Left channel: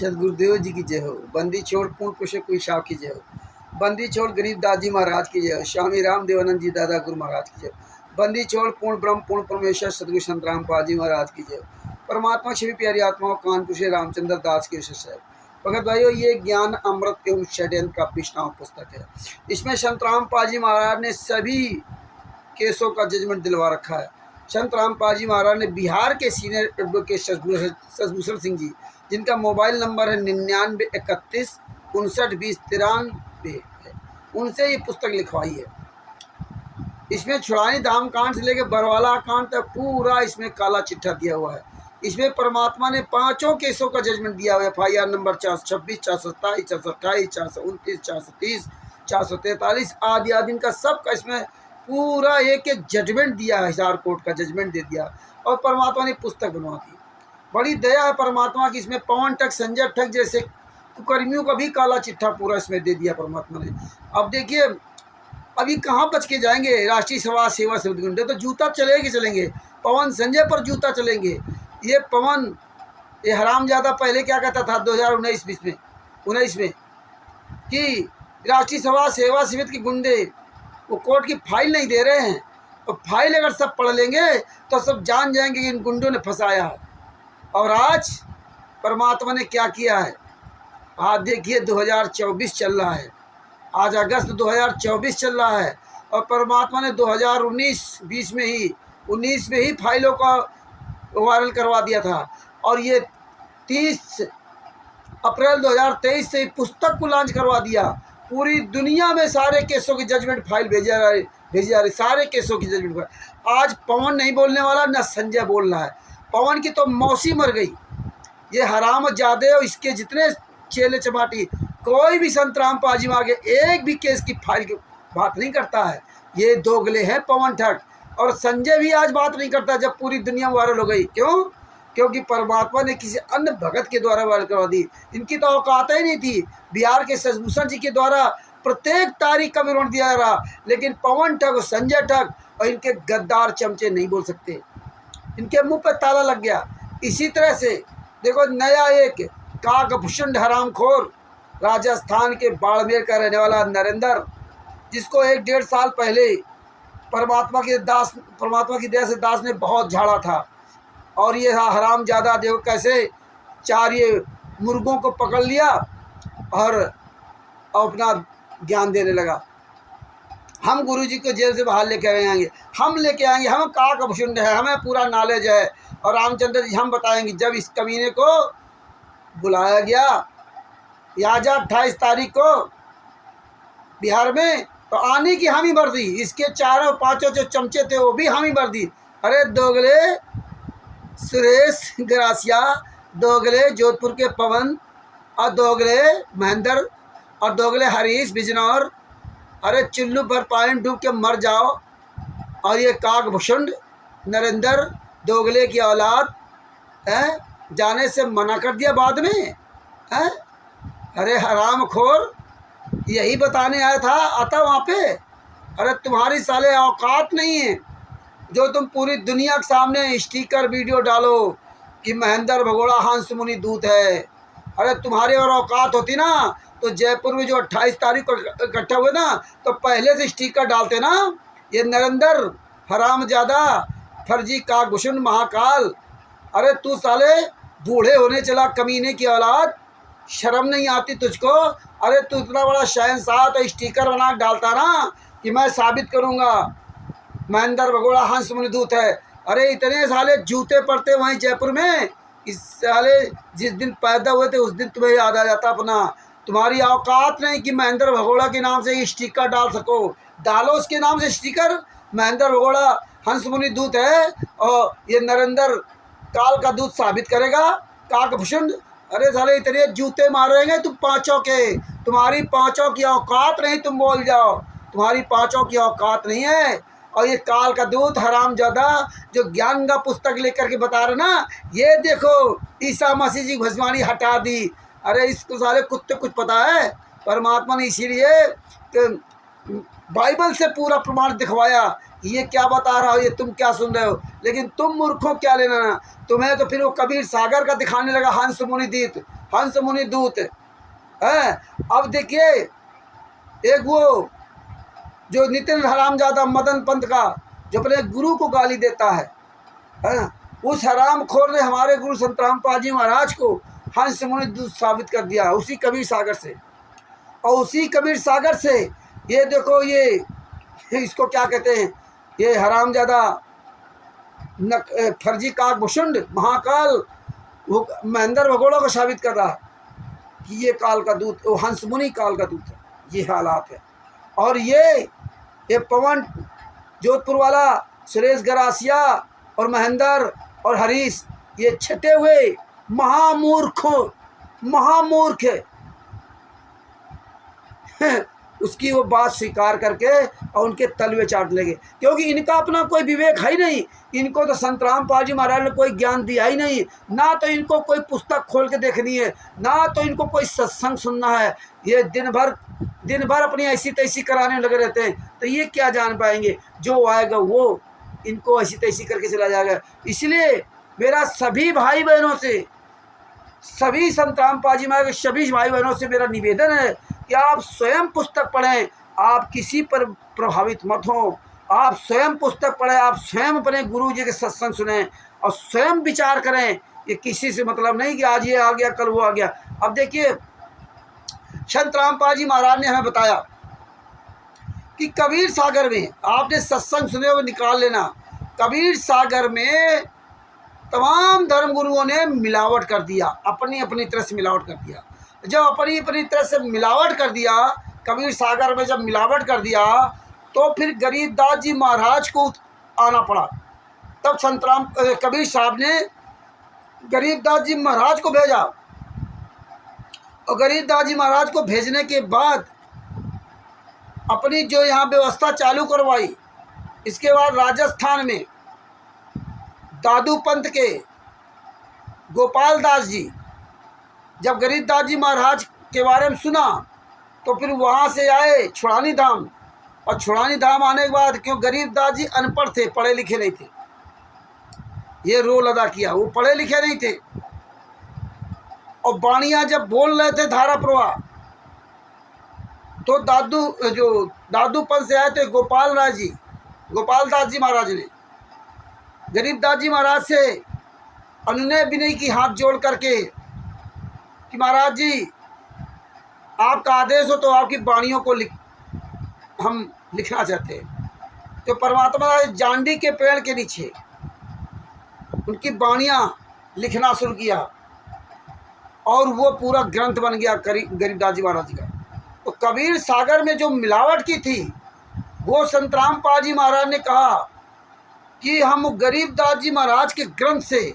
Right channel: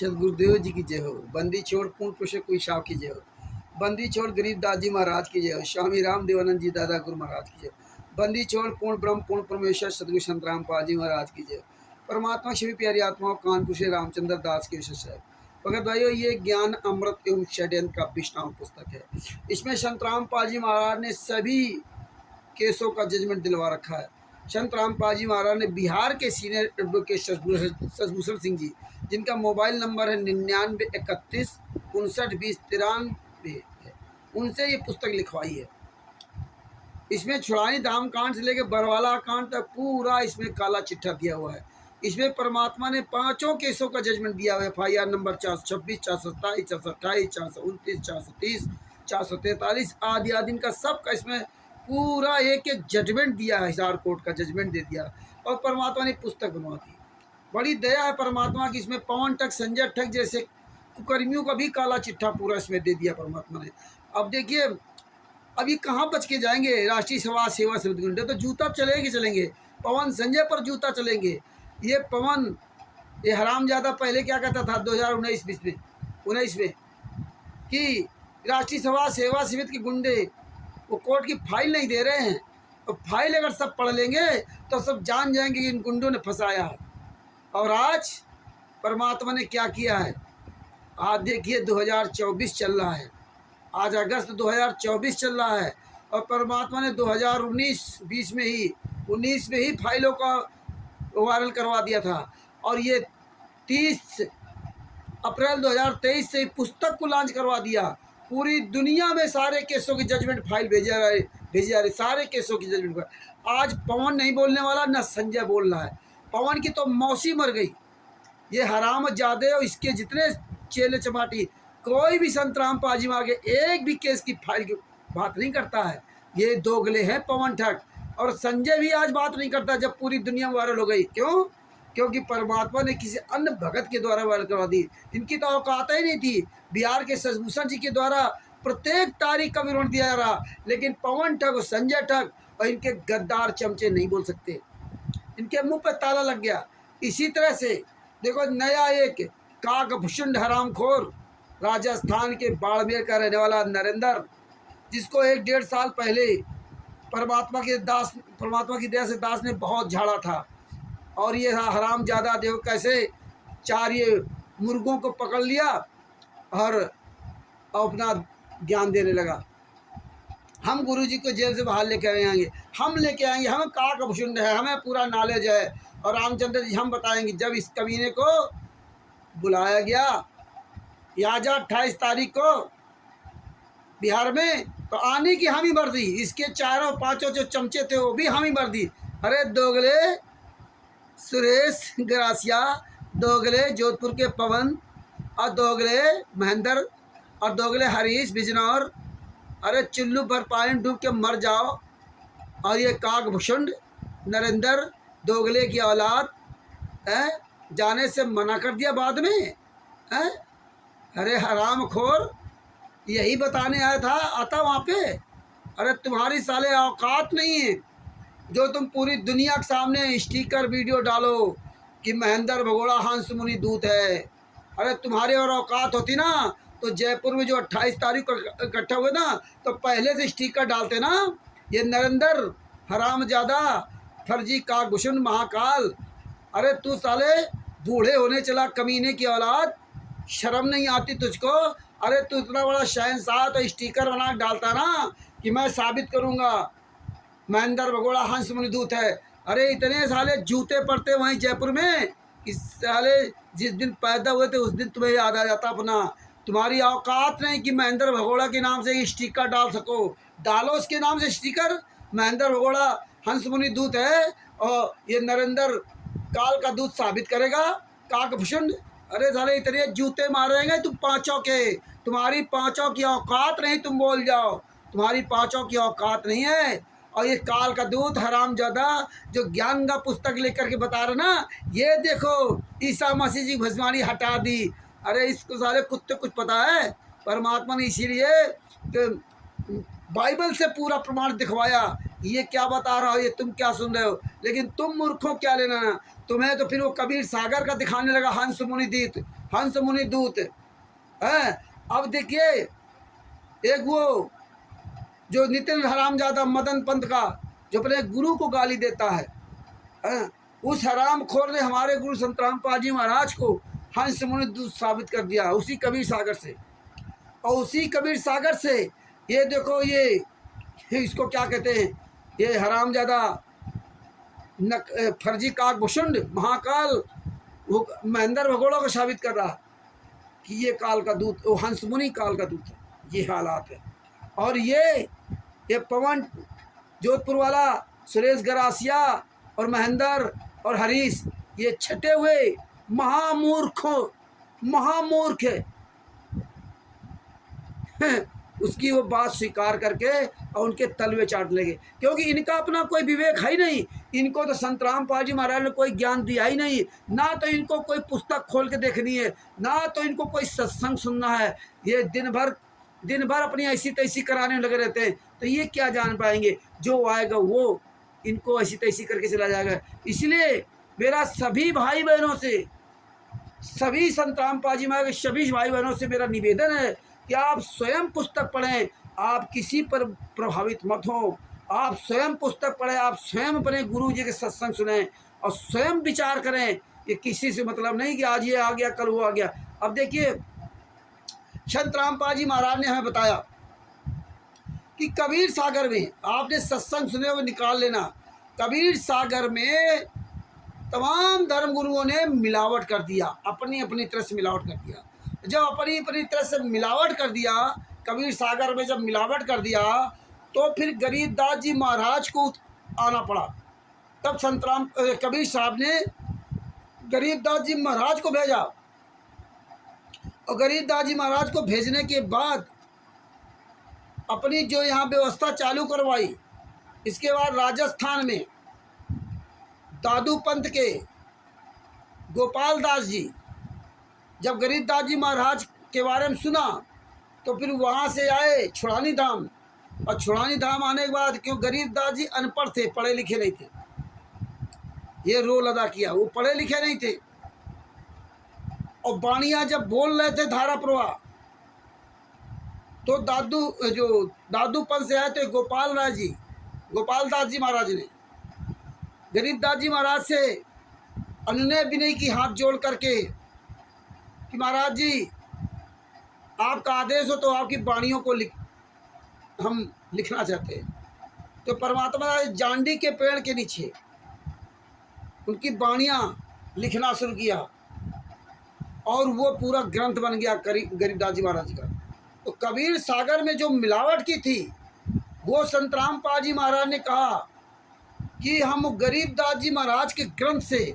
सदगुरुदेव जी की जय हो। बंदी छोड़ पूर्ण पुरुष कोई शाह की जय हो। बंदी छोड़ गरीब दादी महाराज की जय हो। स्वामी राम देवानंद जी दादा गुरु महाराज की जय हो। बंदी छोड़ पूर्ण ब्रह्म पूर्ण परमेश्वर सदगुरु संत रामपाल जी महाराज की जय हो। परमात्मा श्री प्यारी आत्माओं कानपुर श्री रामचंद्र दास के विशेष है। भगत भाइयों, ये ज्ञान अमृत एवं षड्यंत्र का विष्णाम पुस्तक है। इसमें संत रामपाल जी महाराज ने सभी केसों का जजमेंट दिलवा रखा है। संत रामपाल जी महाराज ने बिहार के सीनियर एडवोकेट शशभूषण सिंह जी, जिनका मोबाइल नंबर है 9931592093 है, उनसे ये पुस्तक लिखवाई है। इसमें छुड़ानी धाम कांड से लेकर बरवाला कांड तक पूरा इसमें काला चिट्ठा दिया हुआ है। इसमें परमात्मा ने 5 केसों का जजमेंट दिया हुआ है। FIR नंबर 426, 427, 428, 429, 430, 443 आदि आदि इनका सबका इसमें पूरा एक एक जजमेंट दिया है। हिसार कोर्ट का जजमेंट दे दिया और परमात्मा ने पुस्तक बनवा दी। बड़ी दया है परमात्मा की। इसमें पवन ठग, संजय ठग जैसे कुकर्मियों का भी काला चिट्ठा पूरा इसमें दे दिया परमात्मा ने। अब देखिए, अभी कहाँ बच के जाएंगे राष्ट्रीय समाज सेवा समिति गुंडे, तो जूता चलेंगे। पवन संजय पर जूता चलेंगे। ये पवन, ये हरामजादा पहले क्या कहता था 2019 में कि राष्ट्रीय समाज सेवा समिति के गुंडे वो कोर्ट की फाइल नहीं दे रहे हैं। तो फाइल अगर सब पढ़ लेंगे तो सब जान जाएंगे कि इन गुंडों ने फंसाया है। और आज परमात्मा ने क्या किया है। आज देखिए 2024 चल रहा है, आज अगस्त 2024 चल रहा है और परमात्मा ने 2019 में ही फाइलों का वायरल करवा दिया था। और ये 30 अप्रैल 2023 से पुस्तक को लॉन्च करवा दिया। पूरी दुनिया में सारे केसों की जजमेंट फाइल भेजी जा रही सारे केसों की जजमेंट फाइल। आज पवन नहीं बोलने वाला, न संजय बोल रहा है। पवन की तो मौसी मर गई। ये हरामजादे और इसके जितने चेले चपाटी, कोई भी संत रामपाल जी में आगे एक भी केस की फाइल की बात नहीं करता है। ये दोगले हैं पवन ठग। और संजय भी आज बात नहीं करता जब पूरी दुनिया वायरल हो गई। क्यों? क्योंकि परमात्मा ने किसी अन्य भगत के द्वारा वायरल करवा दी। इनकी तो औकात ही नहीं थी। बिहार के शशभूषण जी के द्वारा प्रत्येक तारीख का विवरण दिया रहा, लेकिन पवन ठग और संजय ठग और इनके गद्दार चमचे नहीं बोल सकते। इनके मुंह पर ताला लग गया। इसी तरह से देखो, नया एक काकभूषण हरामखोर राजस्थान के बाड़मेर का रहने वाला नरेंद्र, जिसको 1-1.5 साल पहले परमात्मा की दया से दास ने बहुत झाड़ा था। और ये हरामजादा देखो कैसे 4 ये मुर्गों को पकड़ लिया और अपना ज्ञान देने लगा। हम गुरुजी को जेल से बाहर लेके आएंगे, हम काकभूषण है, हमें पूरा नॉलेज है। और रामचंद्र जी हम बताएंगे। जब इस कमीने को बुलाया गया याजा 28 तारीख को बिहार में, तो आने की हामी भर दी। इसके 4-5 जो चमचे थे वो भी हामी भर दी। अरे दोगले सुरेश ग्रासिया, दोगले जोधपुर के पवन और दोगले महेंद्र और दोगले हरीश बिजनौर, अरे चुल्लू भर पानी डूब के मर जाओ। और ये काकभूषण नरेंद्र दोगले की औलाद है, जाने से मना कर दिया बाद में है। अरे हरामखोर, यही बताने आया था आता वहाँ पे। अरे तुम्हारी साले औकात नहीं है जो तुम पूरी दुनिया के सामने स्टिकर वीडियो डालो कि महेंद्र भगोड़ा हंस मुनि दूत है। अरे तुम्हारी और औकात होती ना तो जयपुर में जो 28 तारीख को इकट्ठा हुए ना, तो पहले से स्टिकर डालते ना। ये नरेंद्र हरामजादा फर्जी काकभूषण महाकाल, अरे तू साले बूढ़े होने चला कमीने की औलाद, शर्म नहीं आती तुझको? अरे तू इतना बड़ा शहंशाह तो स्टिकर बना डालता ना कि मैं साबित करूँगा महेंद्र भगोड़ा हंस मुनि दूत है। अरे इतने साले जूते पड़ते वहीं जयपुर में। इस साले जिस दिन पैदा हुए थे उस दिन तुम्हें याद आ जाता अपना। तुम्हारी औकात नहीं कि महेंद्र भगोड़ा के नाम से स्टिकर डाल सको। डालो उसके नाम से स्टिकर, महेंद्र भगोड़ा हंस मुनि दूत है और ये नरेंद्र काल का दूत साबित करेगा काकभूषण। अरे साले इतने जूते मारेंगे तुम पाँचों के, तुम्हारी पाँचों की औकात नहीं, तुम बोल जाओ तुम्हारी पाँचों की औकात नहीं है। और ये काल का दूत हरामजादा जो ज्ञान का पुस्तक लेकर के बता रहे ना, ये देखो ईसा मसीह जी भस्मानी हटा दी। अरे इसको साले कुत्ते कुछ पता है? परमात्मा ने इसीलिए बाइबल से पूरा प्रमाण दिखवाया। ये क्या बता रहा हो, ये तुम क्या सुन रहे हो? लेकिन तुम मूर्खों क्या लेना ना, तुम्हें तो फिर वो कबीर सागर का दिखाने लगा हंस मुनि दूत। हंस मुनि दूत है। अब देखिए एक वो जो नितिन हरामजादा मदन पंत का जो अपने गुरु को गाली देता है, उस हराम खोर ने हमारे गुरु संत रामपाल जी महाराज को हंस मुनि दूत साबित कर दिया उसी कबीर सागर से। और उसी कबीर सागर से ये देखो ये इसको क्या कहते हैं, ये हरामजादा फर्जी काक भुषुंड महाकाल वो महेंद्र भगोड़ा को साबित कर रहा है कि ये काल का दूत, वो हंस मुनि काल का दूत है। ये हालात है। और ये पवन जोधपुर वाला सुरेश गरासिया और महेंद्र और हरीश ये छटे हुए महामूर्ख उसकी वो बात स्वीकार करके और उनके तलवे चाट लेंगे, क्योंकि इनका अपना कोई विवेक है ही नहीं। इनको तो संत रामपाल जी महाराज ने कोई ज्ञान दिया ही नहीं, ना तो इनको कोई पुस्तक खोल के देखनी है, ना तो इनको कोई सत्संग सुनना है। ये दिन भर अपनी ऐसी तैसी कराने लगे रहते हैं, तो ये क्या जान पाएंगे। जो आएगा वो इनको ऐसी तैसी करके चला जाएगा। इसलिए मेरा सभी भाई बहनों से, सभी संत रामपाल जी महाराज के सभी भाई बहनों से मेरा निवेदन है कि आप स्वयं पुस्तक पढ़ें, आप किसी पर प्रभावित मत हो। आप स्वयं पुस्तक पढ़ें, आप स्वयं अपने गुरु जी के सत्संग सुनें और स्वयं विचार करें। ये किसी से मतलब नहीं कि आज ये आ गया कल वो आ गया। अब देखिए संत रामपाल जी महाराज ने हमें बताया कि कबीर सागर में, आपने सत्संग सुने हुए निकाल लेना, कबीर सागर में तमाम धर्म गुरुओं ने मिलावट कर दिया, अपनी अपनी तरह से मिलावट कर दिया। जब अपनी अपनी तरह से मिलावट कर दिया, कबीर सागर में जब मिलावट कर दिया, तो फिर गरीबदास जी महाराज को आना पड़ा। तब संत राम कबीर साहब ने गरीबदास जी महाराज को भेजा, और गरीबदास जी महाराज को भेजने के बाद अपनी जो यहाँ व्यवस्था चालू करवाई। इसके बाद राजस्थान में दादू पंथ के गोपाल दास जी जब गरीबदास जी महाराज के बारे में सुना, तो फिर वहाँ से आए छुड़ानी धाम। और छुड़ानी धाम आने के बाद, क्यों गरीबदास जी अनपढ़ थे, पढ़े लिखे नहीं थे, ये रोल अदा किया, वो पढ़े लिखे नहीं थे। और बाणियाँ जब बोल रहे थे धारा प्रवाह, तो दादू पंथ से आए थे गोपाल दास जी महाराज ने गरीबदास जी महाराज से अनुनय विनय की हाथ जोड़ करके कि महाराज जी आपका आदेश हो तो आपकी वाणियों को हम लिखना चाहते हैं। तो परमात्मा जांडी के पेड़ के नीचे उनकी वाणियाँ लिखना शुरू किया, और वो पूरा ग्रंथ बन गया गरीबदास जी महाराज का। तो कबीर सागर में जो मिलावट की थी, वो संत रामपाल जी महाराज ने कहा कि हम गरीबदास जी महाराज के ग्रंथ से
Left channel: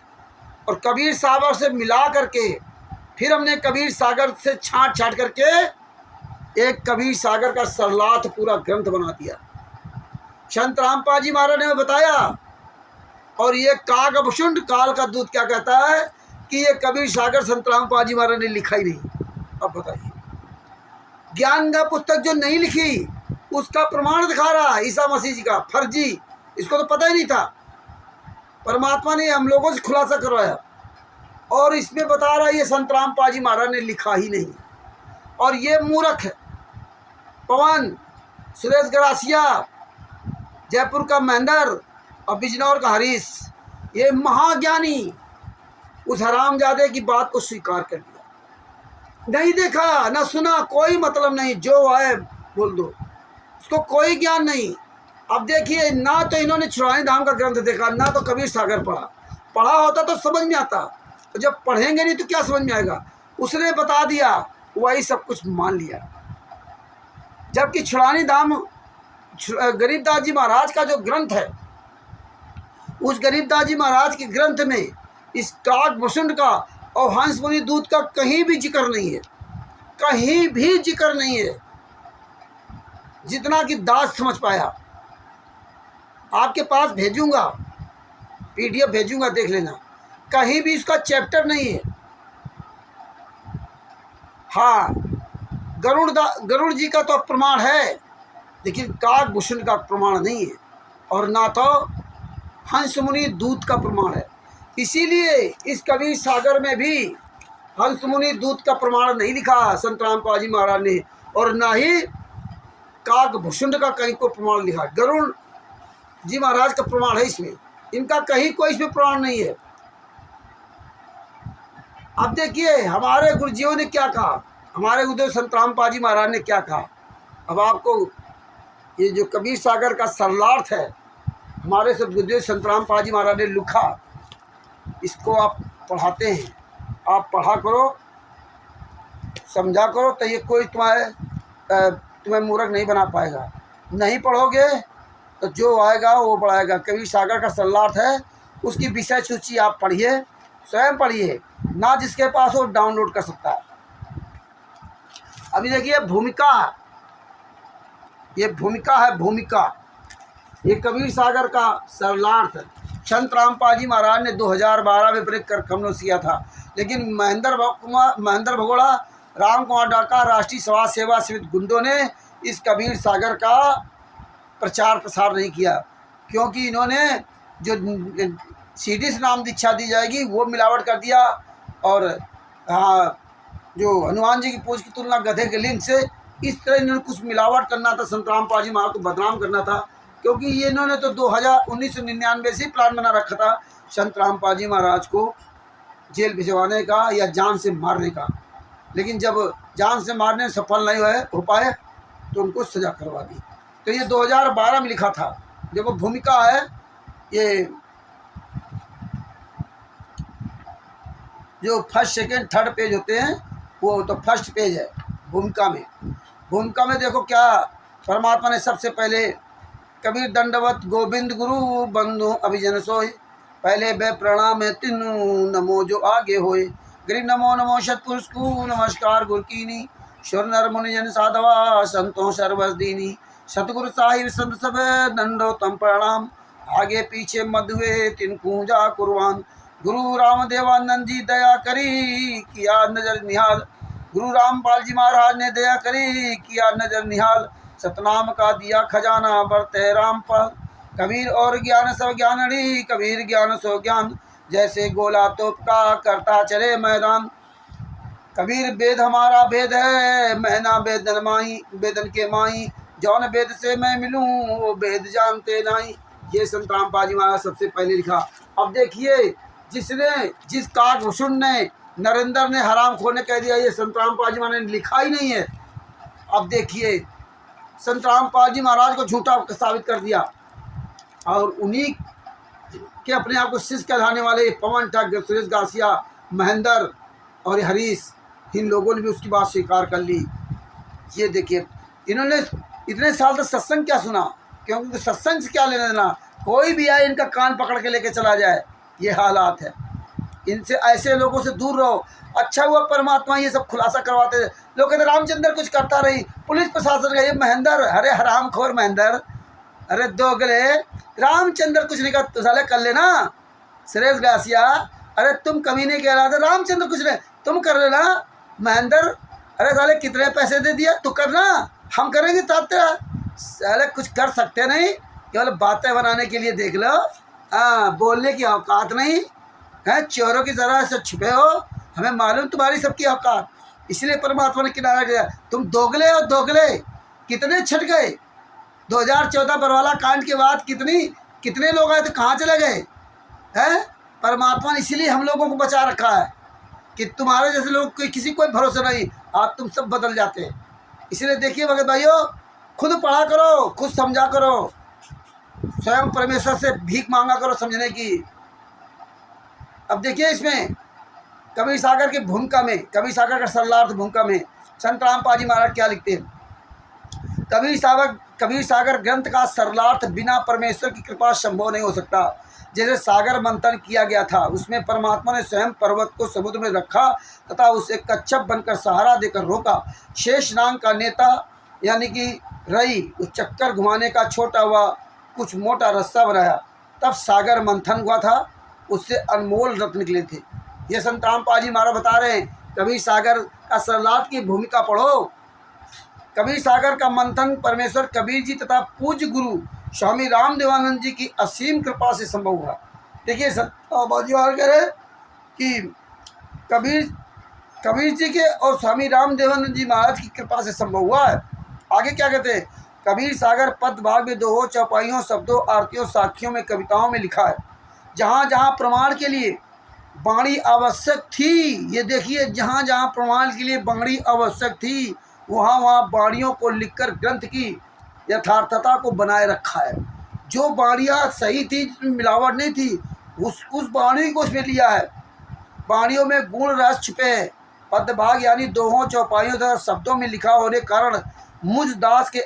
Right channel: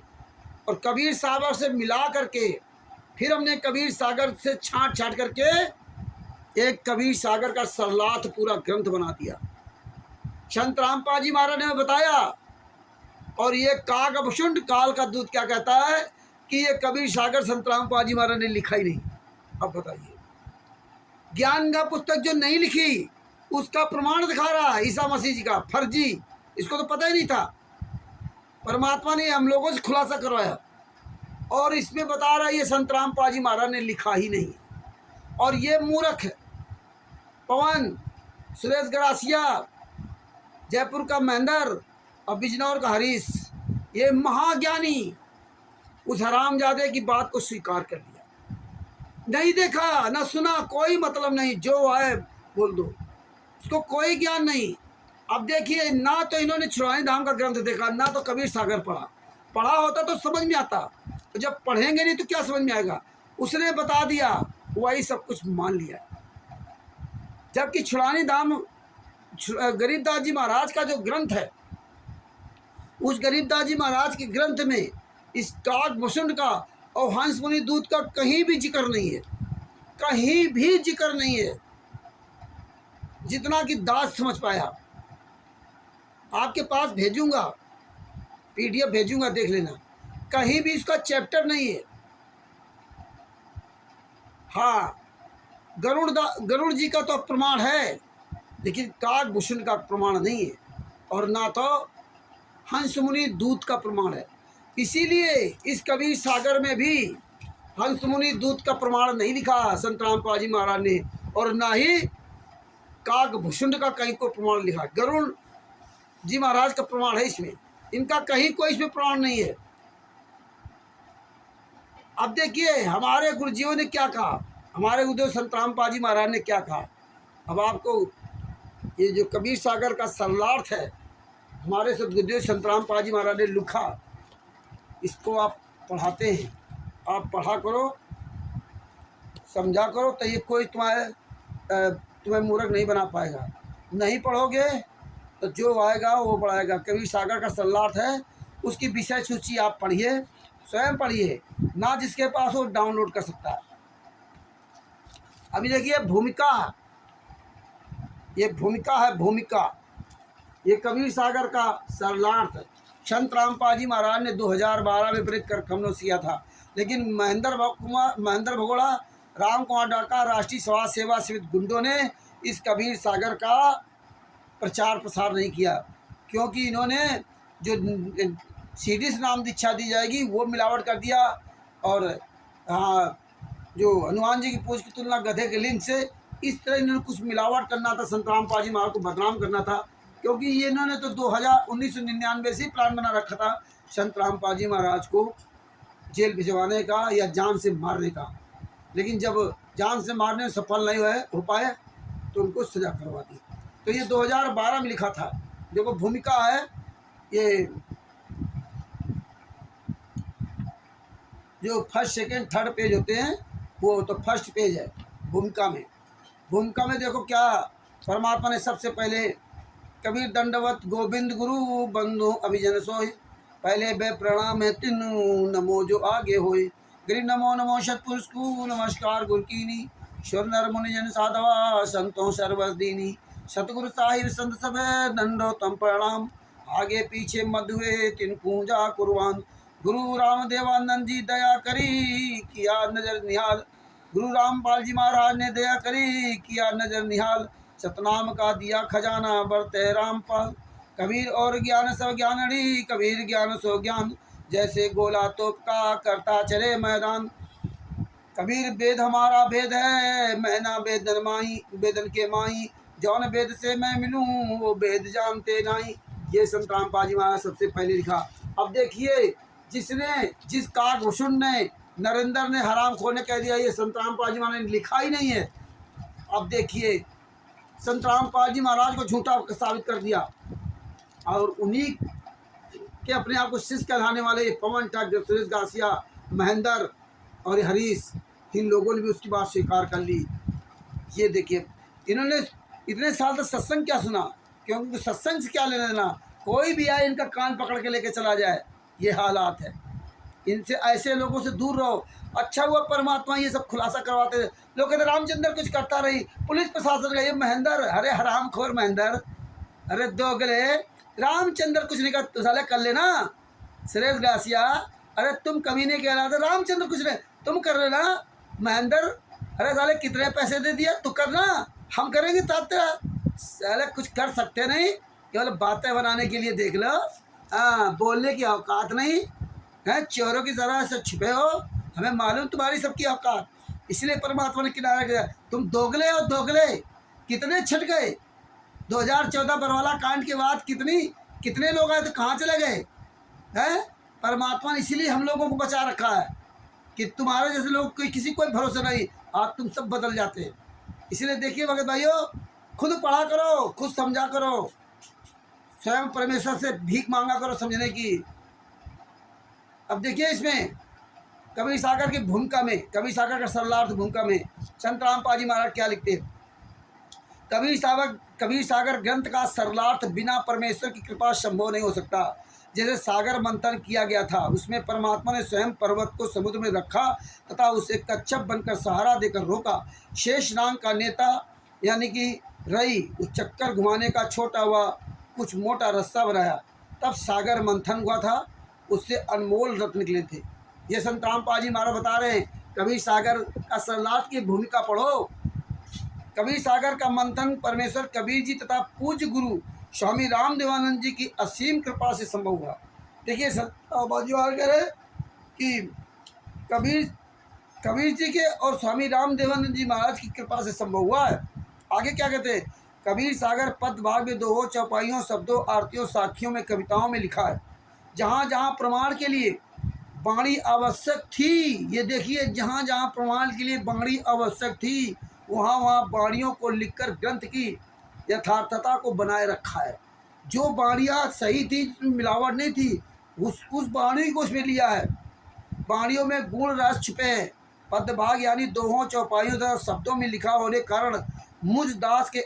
और कबीर सागर से मिला करके, फिर हमने कबीर सागर से छांट करके एक कबीर सागर का सरलाथ पूरा ग्रंथ बना दिया। संत रामपाल जी महाराज ने बताया। और ये कागभुषुंड काल का दूत क्या कहता है कि ये कबीर सागर संत रामपाल जी महाराज ने लिखा ही नहीं। अब बताइए, ज्ञान का पुस्तक जो नहीं लिखी उसका प्रमाण दिखा रहा है ईसा मसीह जी का फर्जी। इसको तो पता ही नहीं था, परमात्मा ने हम लोगों से खुलासा करवाया, और इसमें बता रहा है ये संत रामपाल जी महाराज ने लिखा ही नहीं। और ये मूर्ख है पवन, सुरेश गरासिया, जयपुर का महेंद्र और बिजनौर का हरीश, ये महाज्ञानी उस हरामजादे की बात को स्वीकार कर दिया। नहीं देखा ना सुना, कोई मतलब नहीं, जो है बोल दो, उसको कोई ज्ञान नहीं। अब देखिए, ना तो इन्होंने छुड़ानी धाम का ग्रंथ देखा, ना तो कबीर सागर पढ़ा होता तो समझ में आता। तो जब पढ़ेंगे नहीं तो क्या समझ में आएगा। उसने बता दिया, वही सब कुछ मान लिया। जबकि छुड़ानी धाम गरीबदास जी महाराज का जो ग्रंथ है, उस गरीबदास जी महाराज के ग्रंथ में इस कागभुषुंड का और हंस मुनि दूत का कहीं भी जिक्र नहीं है, कहीं भी जिक्र नहीं है, जितना कि दास समझ पाया। आपके पास भेजूंगा, PDF भेजूंगा, देख लेना, कहीं भी इसका चैप्टर नहीं है। हाँ, गरुड़ जी का तो प्रमाण है, लेकिन कागभुषुंड का प्रमाण नहीं है, और ना तो हंस मुनि दूत का प्रमाण है। इसीलिए इस कबीर सागर में भी हंस मुनि दूत का प्रमाण नहीं लिखा संत रामपाल जी महाराज ने, और ना ही काक भुषुंड का कहीं को प्रमाण लिखा। गरुड़ जी महाराज का प्रमाण है इसमें, इनका कहीं कोई इसमें प्रमाण नहीं है। अब देखिए हमारे गुरुजियों ने क्या कहा, हमारे गुरुदेव संत रामपाल जी महाराज ने क्या कहा। अब आपको ये जो कबीर सागर का सरलार्थ है, हमारे सदगुरुदेव संत रामपाल जी महाराज ने लिखा, इसको आप पढ़ाते हैं, आप पढ़ा करो, समझा करो, तो ये कोई तुम्हें मूर्ख नहीं बना पाएगा। नहीं पढ़ोगे तो जो आएगा वो पढ़ाएगा। कबीर सागर का सरलार्थ है, उसकी विषय सूची आप पढ़िए, स्वयं पढ़िए, ना जिसके पास वो डाउनलोड कर सकता है। अभी देखिए भूमिका, ये भूमिका है, भूमिका, ये कबीर सागर का सरलार्थ संत रामपाल जी महाराज ने 2012 में प्रेरित कर कमनोस किया था, लेकिन महेंद्र भगोड़ा, राम कुमार डाका, राष्ट्रीय समाज सेवा समिति गुंडों ने इस कबीर सागर का प्रचार प्रसार नहीं किया, क्योंकि इन्होंने जो सीडी से नाम दीक्षा दी जाएगी वो मिलावट कर दिया, और हाँ, जो हनुमान जी की पूछ की तुलना गधे के लिंग से, इस तरह इन्होंने कुछ मिलावट करना था, संत रामपाल जी महाराज को बदनाम करना था, क्योंकि ये इन्होंने तो 1999 से प्लान बना रखा था संत रामपाल जी महाराज को जेल भिजवाने का या जान से मारने का, लेकिन जब जान से मारने सफल नहीं हो पाए तो उनको सजा करवा दी। तो ये 2012 में लिखा था। देखो भूमिका है, ये जो फर्स्ट सेकंड थर्ड पेज होते हैं वो तो फर्स्ट पेज है भूमिका में। भूमिका में देखो क्या परमात्मा ने सबसे पहले, कबीर दंडवत गोविंद गुरु बंधु अभिजन सोय, पहले बे प्रणाम है तिनु नमो जो आगे होए, गिरि नमो नमो सतपुरुष को नमस्कार गुरु कीनी, शुर नर मुनि जन साधवा संतों सर्वस दीनी, सतगुरु साहिब संत सब दंडो तम प्रणाम, आगे पीछे मधुए तिन पूजा कुर्बान, गुरु रामदेवानंद जी दया करी किया नजर निहाल, गुरु रामपाल जी महाराज ने दया करी किया नजर निहाल, सतनाम का दिया खजाना बरते रामपाल, कबीर और ज्ञान सब ज्ञानड़ी, कबीर ज्ञान सो ज्ञान, जैसे गोला तोप का करता चले मैदान, कबीर वेद हमारा वेद है, मैना वेदन माही वेदन के माही, जौन वेद से मैं मिलूं वो वेद जानते नहीं। ये संत रामपाल जी महाराज सबसे पहले लिखा। अब देखिए जिस काकभूषण ने, नरेंद्र ने हराम खोर ने कह दिया ये संत रामपाल जी महाराज ने लिखा ही नहीं है। अब देखिए संत रामपाल जी महाराज को झूठा साबित कर दिया, और उन्हीं के अपने आप को शिष्य कहलाने वाले पवन ठग, सुरेश गासिया, महेंद्र और हरीश, इन लोगों ने भी उसकी बात स्वीकार कर ली। ये देखिए इन्होंने इतने साल तक सत्संग क्या सुना, क्योंकि सत्संग से क्या लेना देना, कोई भी आए इनका कान पकड़ के लेके चला जाए, ये हालात है। इनसे, ऐसे लोगों से दूर रहो। अच्छा हुआ परमात्मा ये सब खुलासा करवाते थे। लोग कहते रामचंद्र कुछ करता रही, पुलिस प्रशासन का ये महेंद्र, अरे हराम खोर महेंद्र, अरे दोगले, रामचंद्र कुछ नहीं कर, साले कर लेना। सुरेश गासिया, अरे तुम कभी नहीं कह रहा था, रामचंद्र कुछ नहीं, तुम कर लेना। महेंद्र, अरे साले कितने पैसे दे दिया, तू करना, हम करेंगे तात्या। साले कुछ कर सकते नहीं, केवल बातें बनाने के लिए देख लो। बोलने की औकात नहीं है, चोरों की तरह से छुपे हो, हमें मालूम तुम्हारी सबकी औकात। इसलिए परमात्मा ने किनारा किया, तुम दोगले हो, दोगले कितने छट गए। 2014 बरवाला कांड के बाद कितने लोग आए थे, कहाँ चले गए हैं। परमात्मा ने इसीलिए हम लोगों को बचा रखा है कि तुम्हारे जैसे लोग किसी कोई भरोसा नहीं, आप तुम सब बदल जाते हैं। इसलिए देखिए भगत भाइयों, खुद पढ़ा करो, खुद समझा करो, स्वयं परमेश्वर से भीख मांगा करो समझने की। अब देखिए इसमें कबीर सागर की भूमिका में, कबीर सागर का सरलार्थ भूमिका में संत रामपाल जी महाराज क्या लिखते हैं। कबीर सागर ग्रंथ का सरलार्थ बिना परमेश्वर की कृपा संभव नहीं हो सकता। जैसे सागर मंथन किया गया था, उसमें परमात्मा ने स्वयं पर्वत को समुद्र में रखा तथा उसे कच्छप बनकर सहारा देकर रोका। शेष नाग का नेता यानी कि रई उस चक्कर घुमाने का छोटा हुआ कुछ मोटा रस्सा बनाया, तब सागर मंथन हुआ था, उससे अनमोल रत्न निकले थे। ये संत रामपाल जी महाराज बता रहे हैं। कबीर सागर का सरलार्थ की भूमिका पढ़ो। कबीर सागर का मंथन परमेश्वर कबीर जी तथा पूज्य गुरु स्वामी रामदेवानंद जी की असीम कृपा से संभव हुआ। देखिए संत रामपाल जी महाराज कह रहे कि कबीर कबीर जी के और स्वामी रामदेवानंद जी महाराज की कृपा से संभव हुआ है। आगे क्या कहते हैं, कबीर सागर पद भाग में दोहों, चौपाइयों, शब्दों, आरतियों, साखियों में, कविताओं में लिखा है। जहाँ जहाँ प्रमाण के लिए वाणी आवश्यक थी, ये देखिए, जहाँ जहाँ प्रमाण के लिए वाणी आवश्यक थी, वहाँ वहाँ वाणियों को लिखकर ग्रंथ की यथार्थता को बनाए रखा है। जो वाणियाँ सही थी, जिसमें मिलावट नहीं थी, उस वाणी को उसमें लिया है। वाणियों में गुण रस छिपे हैं। पदभाग यानी दोहों, चौपाइयों तथा शब्दों में लिखा होने कारण मुझ दास के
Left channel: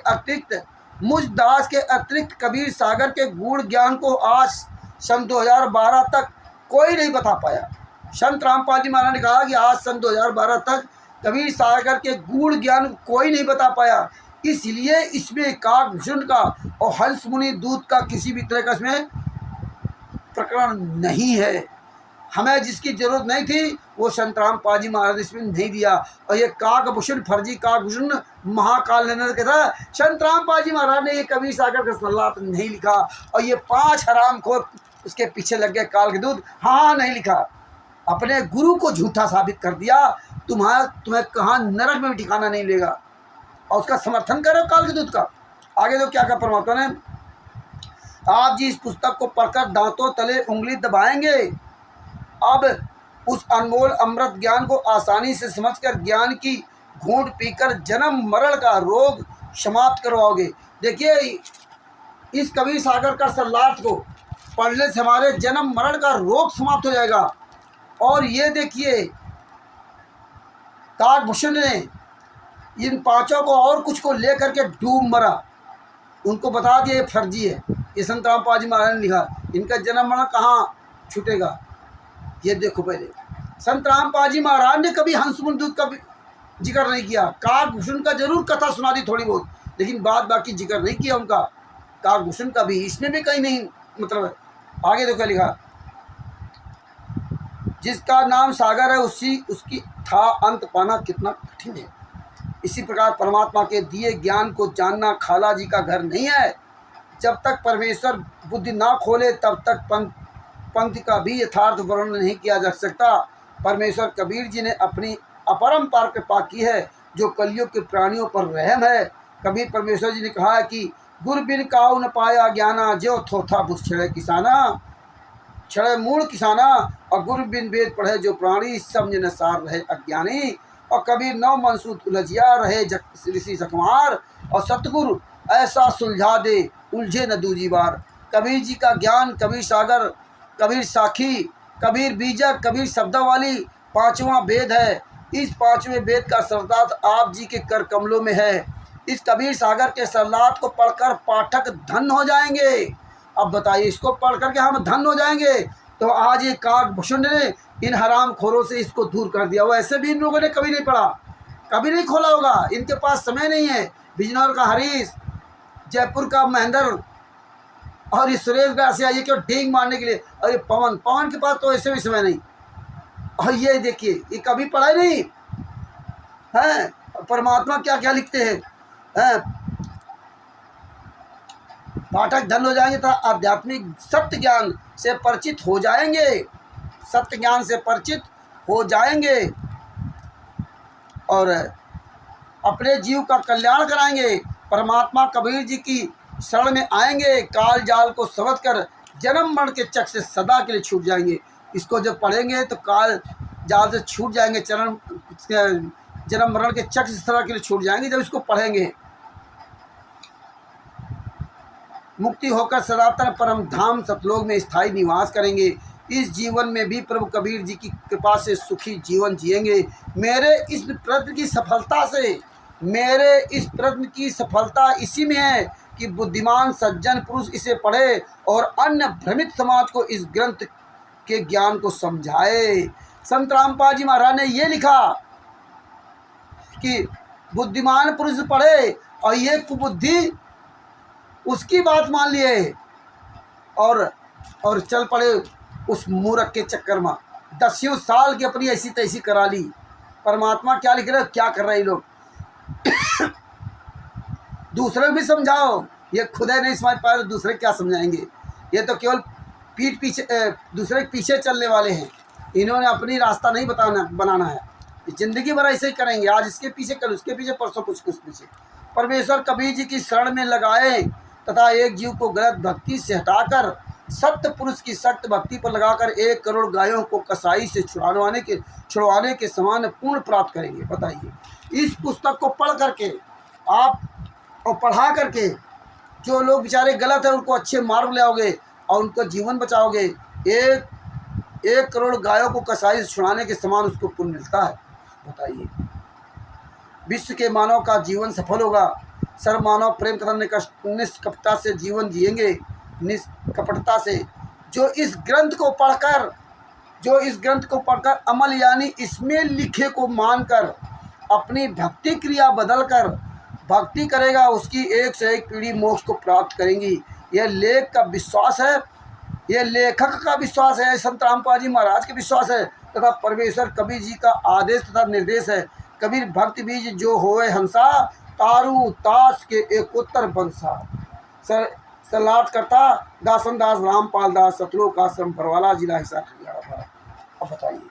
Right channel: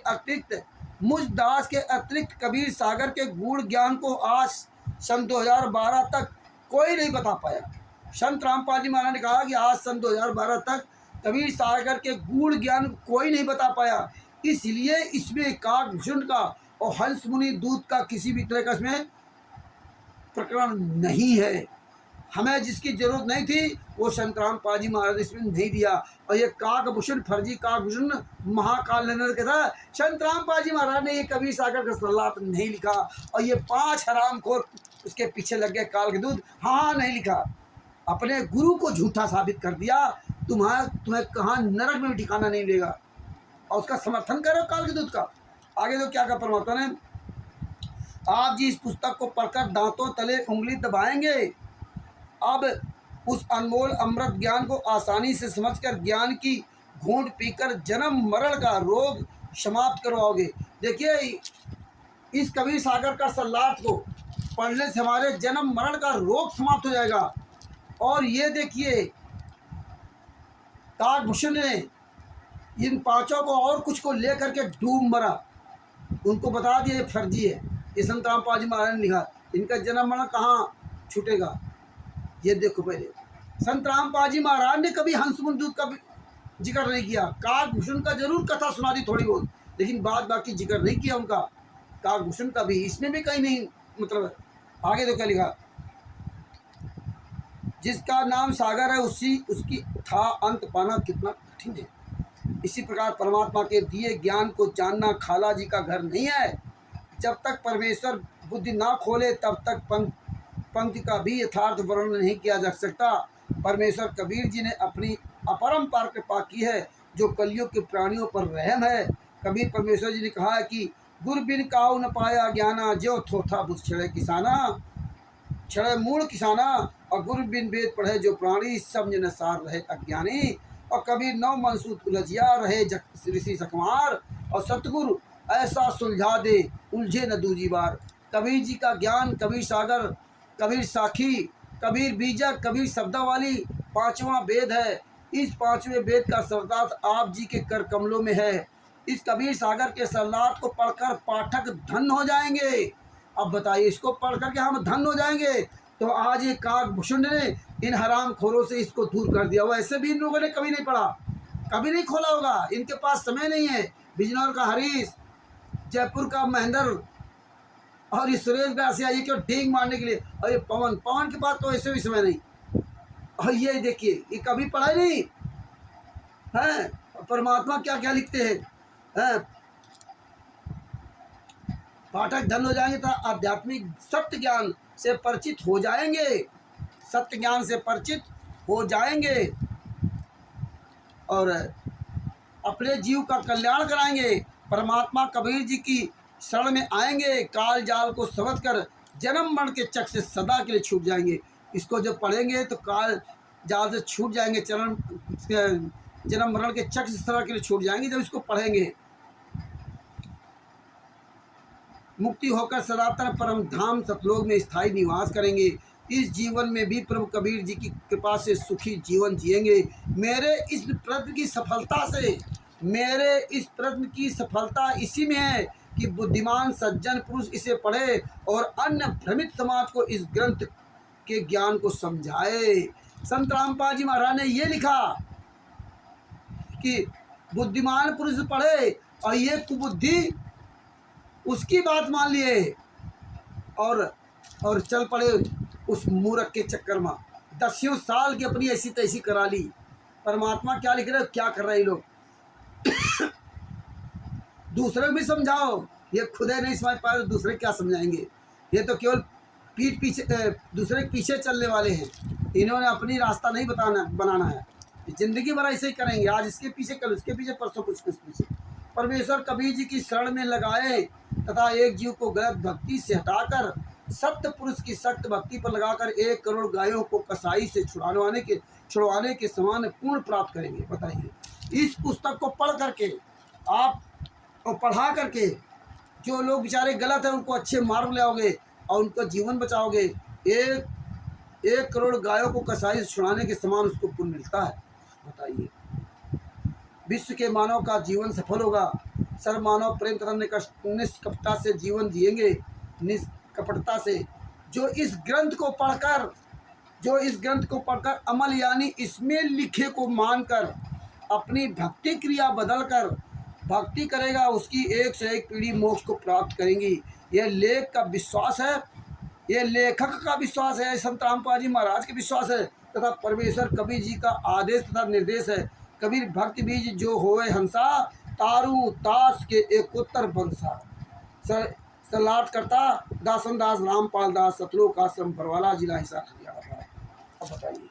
अतिरिक्त कबीर सागर के गुण ज्ञान को आज सन 2012 तक कोई नहीं बता पाया। संत रामपाल जी महाराज ने कहा कि आज सन 2012 तक कबीर सागर के गुण ज्ञान कोई नहीं बता पाया। इसलिए इसमें काकभूषण का और हंस मुनि दूत का किसी भी तरह का इसमें प्रकरण नहीं है। हमें जिसकी जरूरत नहीं थी वो संत रामपाल जी महाराज इसमें नहीं दिया। और ये काकभूषण, फर्जी काकभूषण महाकाल नंदन के था। संत रामपाल जी महाराज ने ये कबीर सागर का सल्लात नहीं लिखा। और ये 5 हरामखोर उसके पीछे लग गए काल के दूत। हाँ, नहीं लिखा, अपने गुरु को झूठा साबित कर दिया। तुम्हें कहाँ नरक में भी ठिकाना नहीं लेगा। और उसका समर्थन करो काल के दूत का। आगे तो क्या कहा परमात्मा ने, आप जी इस पुस्तक को पढ़कर दांतों तले उंगली दबाएंगे। अब उस अनमोल अमृत ज्ञान को आसानी से समझकर ज्ञान की घूंट पीकर जन्म मरण का रोग समाप्त करवाओगे। देखिए, इस कबीर सागर का सल्लात को पढ़ने से हमारे जन्म मरण का रोग समाप्त हो जाएगा। और ये देखिए, काकभूषण ने इन 5 को और कुछ को लेकर के डूब मरा। उनको बता दिया ये फर्जी है। ये संत रामपाल जी महाराज ने लिखा, इनका जन्म मरण कहाँ छूटेगा। ये देखो, पहले संत रामपाल जी महाराज ने कभी हंस मुनि दूत का जिक्र नहीं किया। काकभूषण का जरूर कथा सुना दी थोड़ी बहुत, लेकिन बाकी जिक्र नहीं किया उनका। काकभूषण का भी इसमें भी कहीं नहीं मतलब है। आगे तो क्या लिखा, जिसका नाम सागर है उसकी था अंत पाना कितना कठिन है। इसी प्रकार परमात्मा के दिए ज्ञान को जानना खाला जी का घर नहीं है। जब तक परमेश्वर बुद्धि ना खोले तब तक पंक्ति का भी यथार्थ वर्णन नहीं किया जा सकता। परमेश्वर कबीर जी ने अपनी अपरंपार कृपा की है, जो कलियुग के प्राणियों पर रहम है। कबीर परमेश्वर जी ने कहा है कि गुर बिन काऊ न पाया ज्ञाना, जो थोथा बुझ छड़े किसाना, छड़े मूल किसाना। और गुरु बिन वेद पढ़े जो प्राणी, समझ न सार रहे अज्ञानी। और कबीर नौ मनसूत उलझिया रहे ऋषि सकमार, और सतगुरु ऐसा सुलझा दे उलझे न दूजी बार। कबीर जी का ज्ञान, कबीर सागर, कबीर साखी, कबीर बीजक, कबीर शब्दावली 5वां वेद है। इस 5वें वेद का सरदार आप जी के कर कमलों में है। इस कबीर सागर के सल्लात को पढ़कर पाठक धन हो जाएंगे। अब बताइए, इसको पढ़ करके हम धन हो जाएंगे। तो आज ये काकभूषण ने इन हराम खोरों से इसको दूर कर दिया। वैसे भी इन लोगों ने कभी नहीं पढ़ा, कभी नहीं खोला होगा। इनके पास समय नहीं है। बिजनौर का हरीश, जयपुर का महेंद्र और इस सुरेश गार से आइए क्यों डींग मारने के लिए। और ये पवन के पास तो ऐसे भी समय नहीं। और ये देखिए, ये कभी पढ़ा ही नहीं है। परमात्मा क्या क्या लिखते हैं। पाठक धन हो जाएंगे तो आध्यात्मिक सत्य ज्ञान से परिचित हो जाएंगे, सत्य ज्ञान से परिचित हो जाएंगे और अपने जीव का कल्याण कराएंगे। परमात्मा कबीर जी की शरण में आएंगे, काल जाल को समझ कर जन्म मरण के चक्र से सदा के लिए छूट जाएंगे। इसको जब पढ़ेंगे तो काल जाल से छूट जाएंगे, जन्म मरण के चक्र से सदा के लिए छूट जाएंगे। जब इसको पढ़ेंगे मुक्ति होकर सनातन परम धाम सतलोक में स्थायी निवास करेंगे। इस जीवन में भी प्रभु कबीर जी की कृपा से सुखी जीवन जिएंगे। मेरे इस प्रयत्न की सफलता इसी में है कि बुद्धिमान सज्जन पुरुष इसे पढ़े और अन्य भ्रमित समाज को इस ग्रंथ के ज्ञान को समझाए। संत रामपाल जी महाराज ने ये लिखा कि बुद्धिमान पुरुष पढ़े और ये कुबुद्धि उसकी बात मान लिए और चल पड़े उस मूर्ख के चक्कर में। 10 साल की अपनी ऐसी तैसी करा ली। परमात्मा क्या लिख रहे, क्या कर रहे हैं लोग। दूसरे को भी समझाओ, ये खुद नहीं समझ पाए तो दूसरे क्या समझाएंगे। ये तो केवल पीठ पीछे दूसरे के पीछे चलने वाले हैं। इन्होंने अपनी रास्ता नहीं बनाना है। जिंदगी भर ऐसे ही करेंगे, आज इसके पीछे, कल उसके पीछे, परसों कुछ पीछे। परमेश्वर कबीर जी की शरण में लगाए तथा एक जीव को गलत भक्ति से हटाकर सत्य पुरुष की सत्य भक्ति पर लगाकर 1 करोड़ गायों को कसाई से छुड़वाने के समान पूर्ण प्राप्त करेंगे। बताइए, इस पुस्तक को पढ़ करके आप और पढ़ा करके जो लोग बेचारे गलत हैं उनको अच्छे मार्ग ले आओगे और उनका जीवन बचाओगे। 1 करोड़ गायों को कसाई से छुड़ाने के समान उसको पुण्य मिलता है। बताइए, विश्व के मानव का जीवन सफल होगा। सर्व मानव प्रेम तथा निष्कपटता से जीवन जिएंगे, निष्कपटता से। जो इस ग्रंथ को पढ़कर अमल यानी इसमें लिखे को मानकर अपनी भक्ति क्रिया बदलकर भक्ति करेगा, उसकी 1 से 1 पीढ़ी मोक्ष को प्राप्त करेंगी। यह लेख का विश्वास है, यह लेखक का विश्वास है, संत रामपाल जी महाराज का विश्वास है तथा परमेश्वर कबीर जी का आदेश तथा निर्देश है। कबीर भक्ति बीज जो होए हंसा, तारू ताश के एकोत्तर बंसा। सलाट करता दासन दास रामपाल दास, सतलोक आश्रम बरवाला, जिला हिसार, हरियाणा, भारत। अब बताइए,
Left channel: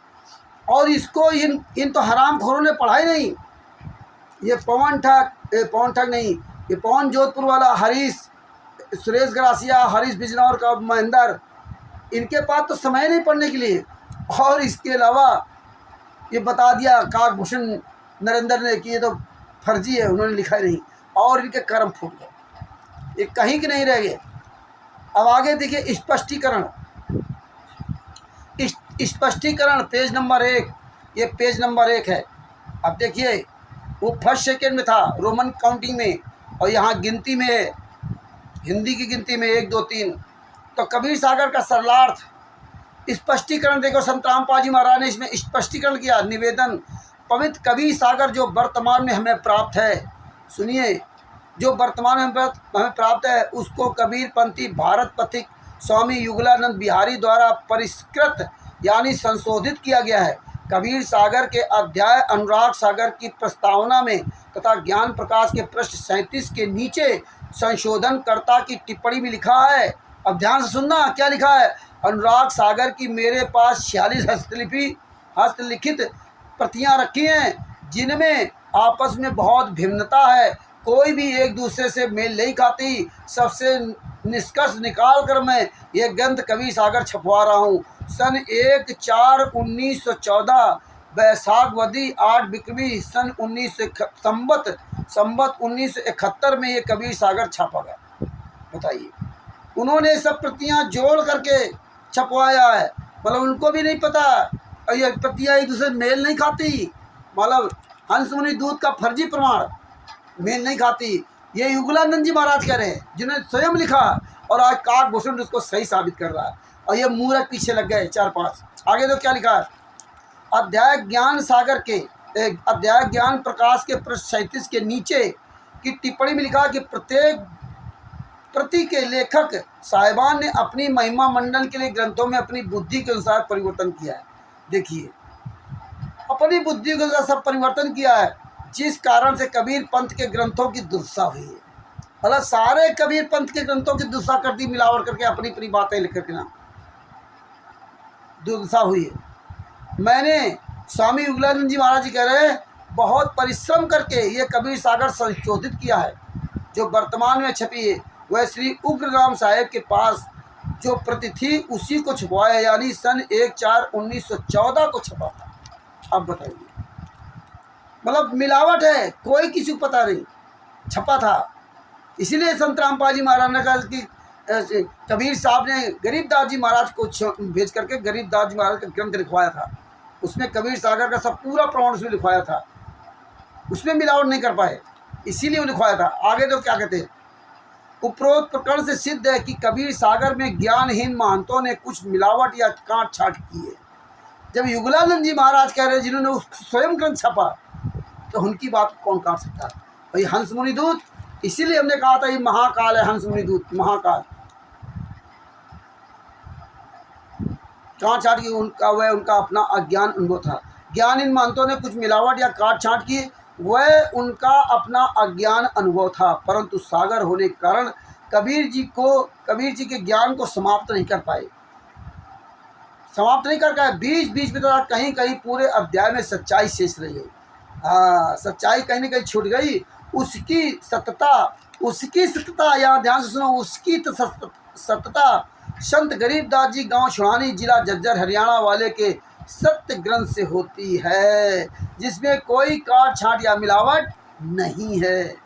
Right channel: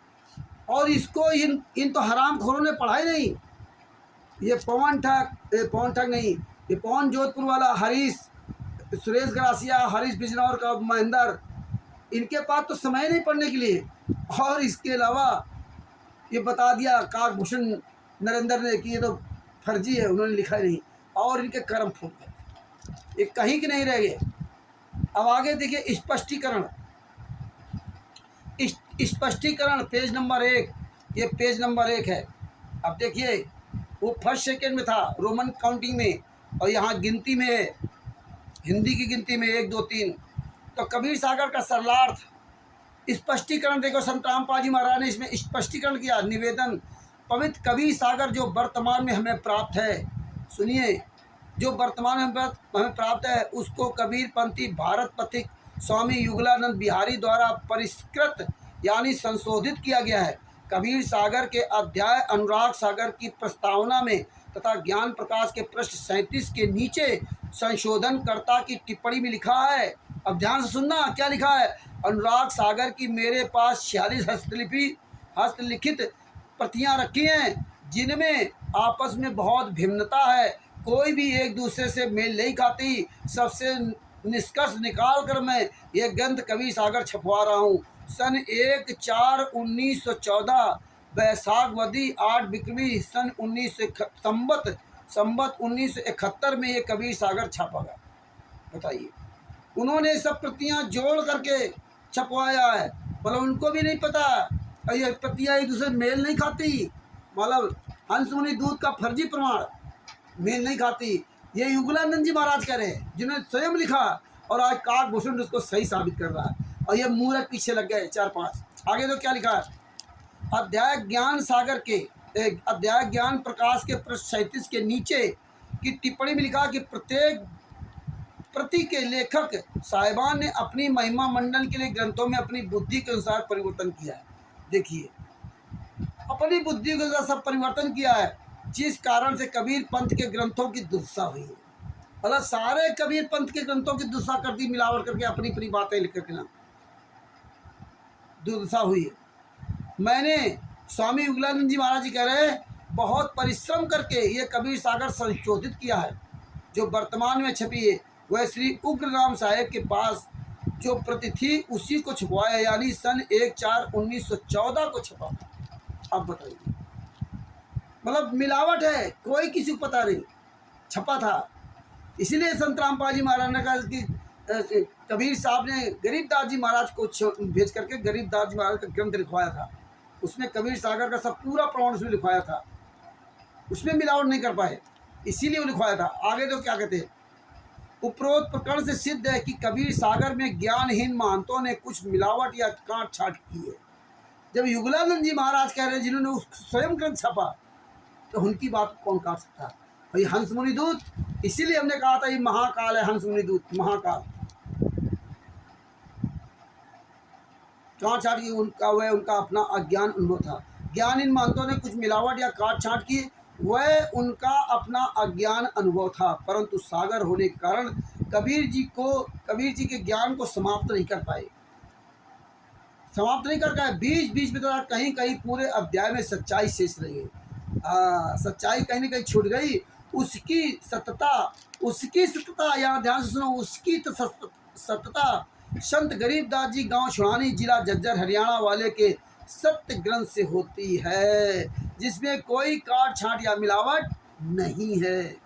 और इसको इन तो हराम खोरों ने पढ़ा ही नहीं। ये पवन ठग नहीं, ये पवन जोधपुर वाला, हरीश, सुरेश ग्रासिया, हरीश बिजनौर का महेंद्र, इनके पास तो समय नहीं पढ़ने के लिए। और इसके अलावा ये बता दिया काकभूषण नरेंद्र ने कि ये तो फर्जी है, उन्होंने लिखा ही नहीं, और इनके कर्म फूट गए, ये कहीं के नहीं रह गए। अब आगे देखिए, स्पष्टीकरण पेज नंबर 1, ये पेज नंबर 1 है। अब देखिए, वो फर्स्ट सेकेंड में था रोमन काउंटिंग में, और यहाँ गिनती में है, हिंदी की गिनती में 1 2 3। तो कबीर सागर का सरलार्थ स्पष्टीकरण देखो, संत रामपाल जी महाराज ने इसमें स्पष्टीकरण किया। निवेदन, पवित्र कबीर सागर जो वर्तमान में हमें प्राप्त है, सुनिए, जो वर्तमान में हमें प्राप्त है उसको कबीर पंथी भारत पथिक स्वामी युगलानंद बिहारी द्वारा परिष्कृत यानी संशोधित किया गया है। कबीर सागर के अध्याय अनुराग सागर की प्रस्तावना में तथा ज्ञान प्रकाश के पृष्ठ 37 के नीचे संशोधनकर्ता की टिप्पणी में लिखा है। अब ध्यान से सुनना क्या लिखा है। अनुराग सागर की मेरे पास 46 हस्तलिखित प्रतियां रखी हैं जिनमें आपस में बहुत भिन्नता है, कोई भी एक दूसरे से मेल नहीं खाती। सबसे निष्कर्ष निकाल कर मैं ये ग्रंथ कबीर सागर छपवा रहा हूँ। सन 1/4/1914 वैशाखवदी 8 बिक्रमी सन 1971 में ये कबीर सागर छापा गया। बताइए, उन्होंने सब प्रतियां जोड़ करके छपवाया है, मतलब उनको भी नहीं पता, और ये प्रतियां एक दूसरे मेल नहीं खाती, मतलब हंस मुनि दूत का फर्जी प्रमाण मेल नहीं खाती। ये युगलानंद जी महाराज कह रहे हैं, जिन्होंने स्वयं लिखा, और आज काकभूषण उसको सही साबित कर रहा है, और ये मूर्ख पीछे लग गए 4-5। आगे तो क्या लिखा है, अध्याय ज्ञान प्रकाश के पृष्ठ 37 के नीचे की टिप्पणी में लिखा कि प्रत्येक प्रति के लेखक साहिबान ने अपनी महिमा मंडन के लिए ग्रंथों में अपनी बुद्धि के अनुसार परिवर्तन किया है। देखिए, अपनी बुद्धि के अनुसार सब परिवर्तन किया है, जिस कारण से कबीर पंथ के ग्रंथों की दुर्दशा हुई है। मतलब सारे कबीर पंथ के ग्रंथों की दुर्दशा कर दी, मिलावट करके अपनी अपनी बातें लिख करके ना दुर्दशा हुई है। मैंने स्वामी युगलानंद जी महाराज जी कह रहे हैं, बहुत परिश्रम करके ये कबीर सागर संशोधित किया है, जो वर्तमान में छपी है। वह श्री उग्रराम साहेब के पास जो प्रति थी उसी को छपवाया, यानी सन 1/4/1914 को छपा था। अब बताइए, मतलब मिलावट है, कोई किसी को पता नहीं, छपा था। इसीलिए संत रामपाल जी महाराज ने कहा कि कबीर साहब ने गरीबदास जी महाराज को भेज करके गरीबदास जी महाराज का ग्रंथ लिखवाया था। उसमें कबीर सागर का सब पूरा प्रमाण उसमें लिखवाया था, उसमें मिलावट नहीं कर पाए, इसीलिए वो लिखवाया था। आगे तो क्या कहते हैं, उपरोक्त प्रकरण से सिद्ध है कि कबीर सागर में ज्ञानहीन महंतों ने कुछ मिलावट या काट छाट की है। जब युगलानंद जी महाराज कह रहे हैं, जिन्होंने उस स्वयं ग्रंथ छपा, तो उनकी बात कौन काट सकता है भाई। हंस मुनि दूत, इसीलिए हमने कहा था ये महाकाल है, हंस मुनि दूत महाकाल। काट छाट की उनका अपना अज्ञान अनुभव था। ज्ञानहीन महंतों ने कुछ मिलावट या काट छाट की, वह उनका अपना अज्ञान अनुभव था, परंतु सागर होने के कारण कबीर जी के ज्ञान को समाप्त नहीं कर पाए। समाप्त नहीं कर गए, बीच बीच में तो कहीं कहीं पूरे अध्याय में सच्चाई शेष रह गई। सच्चाई कहीं ना कहीं छूट गई। उसकी सत्यता, यहाँ ध्यान से सुनो, उसकी तो सत्यता संत गरीबदास जी गांव छुड़ानी जिला झज्जर हरियाणा वाले के सत्य ग्रंथ से होती है, जिसमें कोई काट छांट या मिलावट नहीं है।